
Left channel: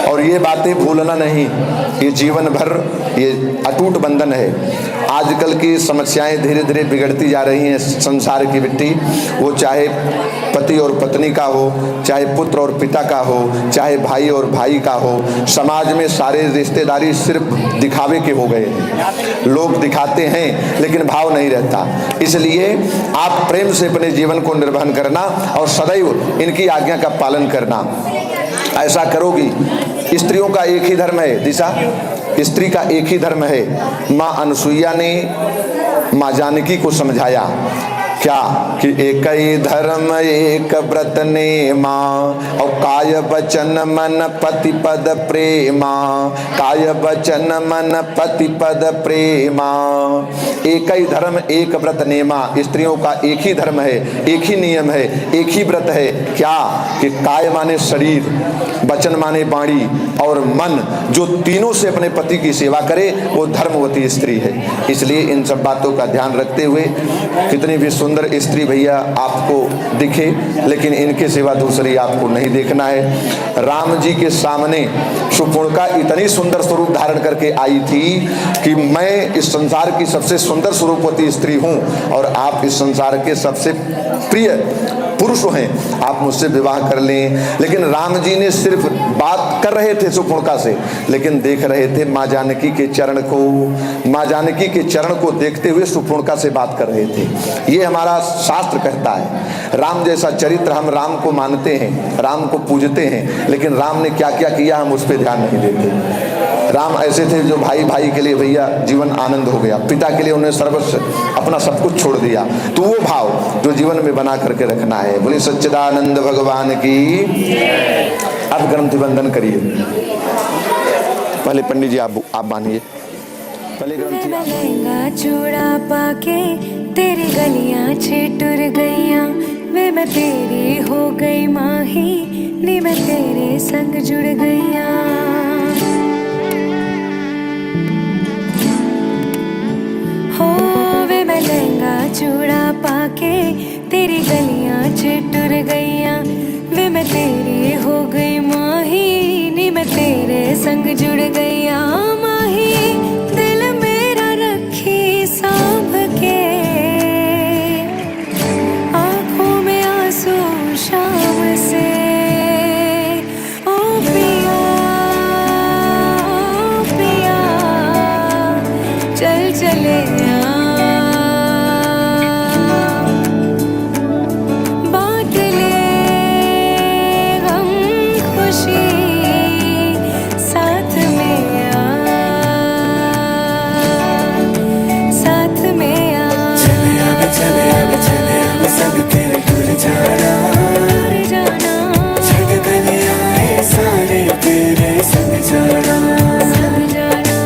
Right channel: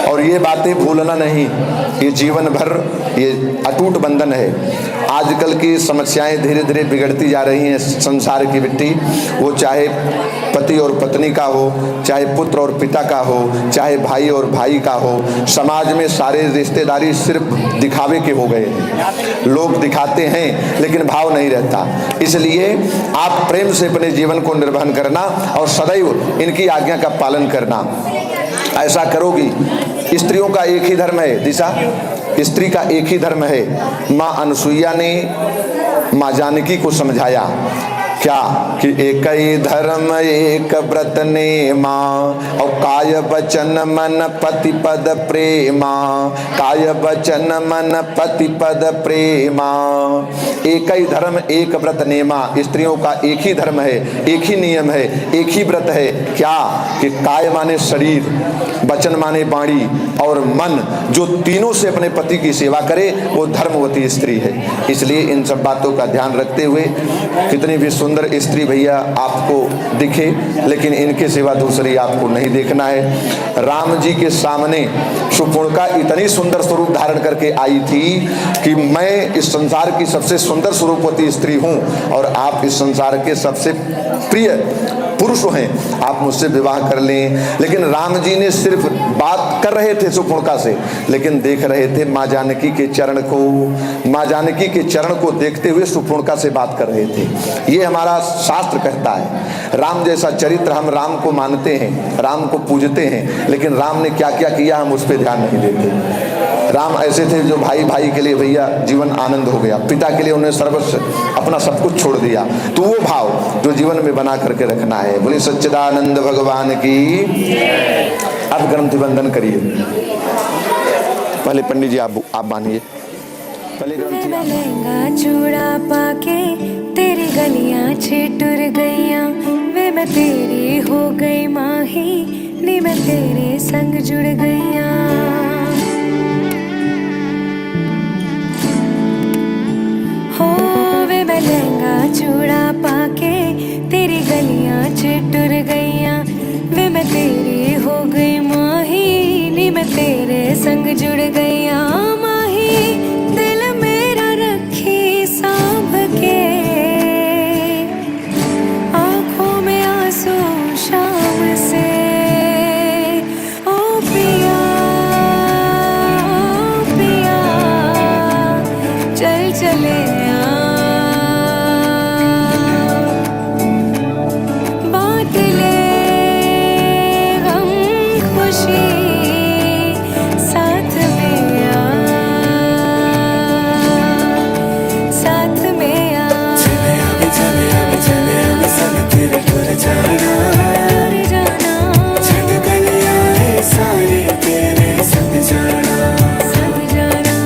और ये बातें भूलना नहीं, ये जीवन भर ये अटूट बंधन है। आजकल की समस्याएं धीरे धीरे बिगड़ती जा रही हैं संसार की मिट्टी, वो चाहे पति और पत्नी का हो, चाहे पुत्र और पिता का हो, चाहे भाई और भाई का हो। समाज में सारे रिश्तेदारी सिर्फ दिखावे के हो गए हैं। लोग दिखाते हैं लेकिन भाव नहीं रहता। इसलिए आप प्रेम से अपने जीवन को निर्वहन करना और सदैव इनकी आज्ञा का पालन करना। ऐसा करोगी। स्त्रियों का एक ही धर्म है दिशा, स्त्री का एक ही धर्म है। माँ अनसुईया ने माँ जानकी को समझाया क्या कि एक ही धर्म एक व्रत ने माँ और काय वचन मन पति पद प्रेमा, काय वचन मन पति पद प्रेमा। एक ही धर्म एक व्रत नेमा, स्त्रियों का एक ही धर्म है, एक ही नियम है, एक ही व्रत है। क्या कि काय माने शरीर, वचन माने वाणी और मन, जो तीनों से अपने पति की सेवा करे वो धर्मवती स्त्री है। इसलिए इन सब बातों का ध्यान रखते हुए कितनी भी सुंदर स्त्री भैया आपको दिखे, लेकिन इनके सिवा दूसरी आपको नहीं देखना है। राम जी के सामने सुपुर्णका इतनी सुंदर स्वरूप धारण करके आई थी कि मैं इस संसार की सबसे सुंदर स्वरूपवती स्त्री हूं और आप इस संसार के सबसे प्रिय पुरुष हैं, आप मुझसे विवाह कर लें। लेकिन राम जी ने सिर्फ बात कर रहे थे सुपुर्णका से, लेकिन देख रहे थे माँ जानकी के चरण को। माँ जानकी के चरण को देखते हुए सुपुर्णका से बात कर रहे थे। ये हमारा शास्त्र कहता है। राम जैसा चरित्र, हम राम को मानते हैं, राम को पूजते हैं, लेकिन राम ने क्या क्या किया हम उस पर ध्यान नहीं देते। राम ऐसे थे जो भाई भाई के लिए भैया जीवन आनंद हो गया, पिता के लिए उन्हें सर्वस्व अपना सब कुछ छोड़ दिया। तो वो भाव जो जीवन में बना करके रखना है। बोले सच्चिदानंद भगवान की। अब ग्रंथि बंधन करिए। पहले पंडित जी आप बांधिए। पहले ग्रंथि। मैं लहंगा चूड़ा पाके तेरी गलियां छिटुर गईयां वे मैं तेरी हो गई माही नी मैं तेरे संग जुड़ गईयां। हो वे मैं लहंगा चूड़ा पाके तेरी गलियां छिटुर गईयां वे मैं तेरी हो गई माही नी मैं तेरे संग जुड़ गईयां। माही दिल मेरा रखी सांभ के आंखों में आंसू शाम से ओ पिया चल चले बांट ले गम खुशी साथ में साथ में दूर जाना संग जाना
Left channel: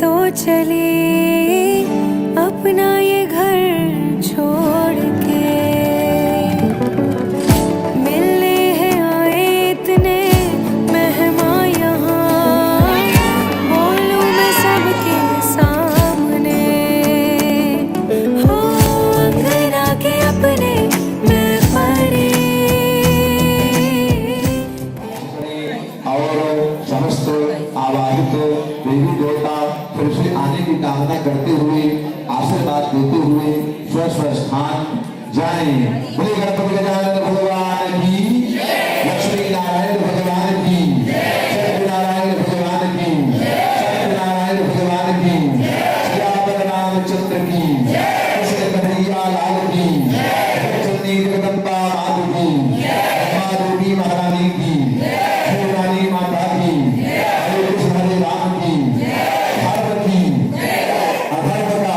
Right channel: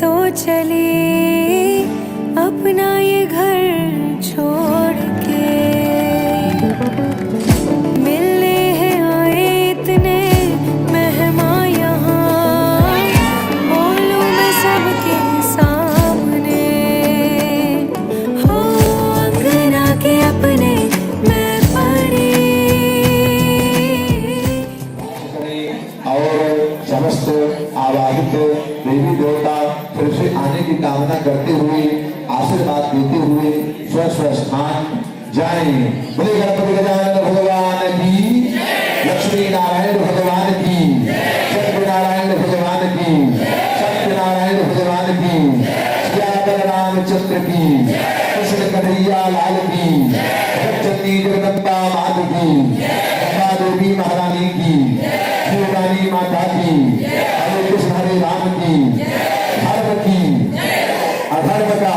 तो चली अपना ये घर छोड़ के मिलने हैं आए इतने मेहमान यहाँ बोलूं मैं सबके सामने हो अंगना के अपने मैं परी। और समस्त आवाहित देवी देवता फिर से आने की कामना करते हुए आशीर्वाद देते हुए स्व स्व स्थान जाएं। बोले गणपति गजानन भगवान की, लक्ष्मी नारायण भगवान की, सत्यनारायण भगवान की, सत्यनारायण भगवान की, श्याम रामचंद्र की, कृष्ण कन्हैया लाल की, जगन्नी जगदम्बा माता की, अम्बा देवी महारानी की, शिवरानी माता की, हरे कृष्ण हरे राम की, धर्म की, अधर्म का,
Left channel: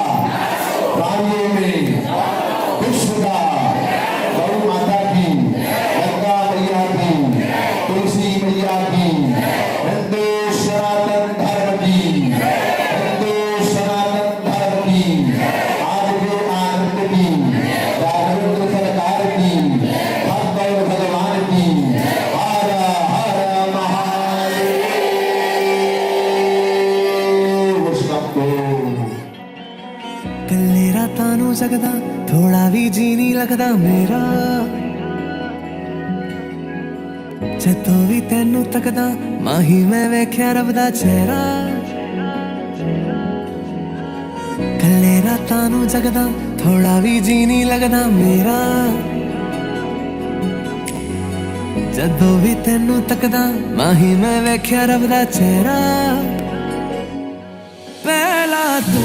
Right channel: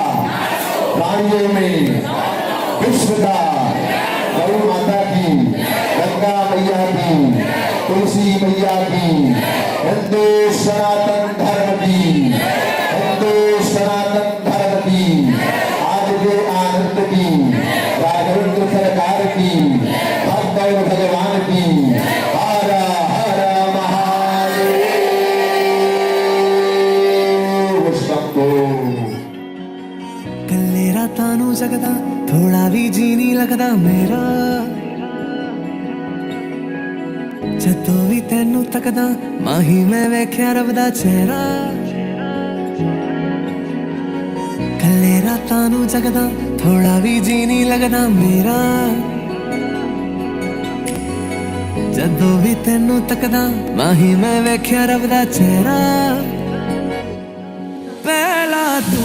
प्राणियों में विश्व का, गौ माता की, गंगा मैया की, तुलसी मैया की, हिंदू सनातन धर्म की, हिंदू सनातन धर्म की, आज के आनंद की, राघवेंद्र सरकार की, भक्त और भगवान की, हर हर महादेव शंभो। कल्ले रातां नूं जगदा थोड़ा भी जी नहीं लगदा मेरा जदों भी तैनू तकदा माही मैं वेख्या रब दा चेहरा। कल्ले रातां नूं जगदा थोड़ा भी जी नहीं लगदा मेरा जदों भी तैनू तकदा माही मैं वेख्या रब दा चेहरा। पहला तू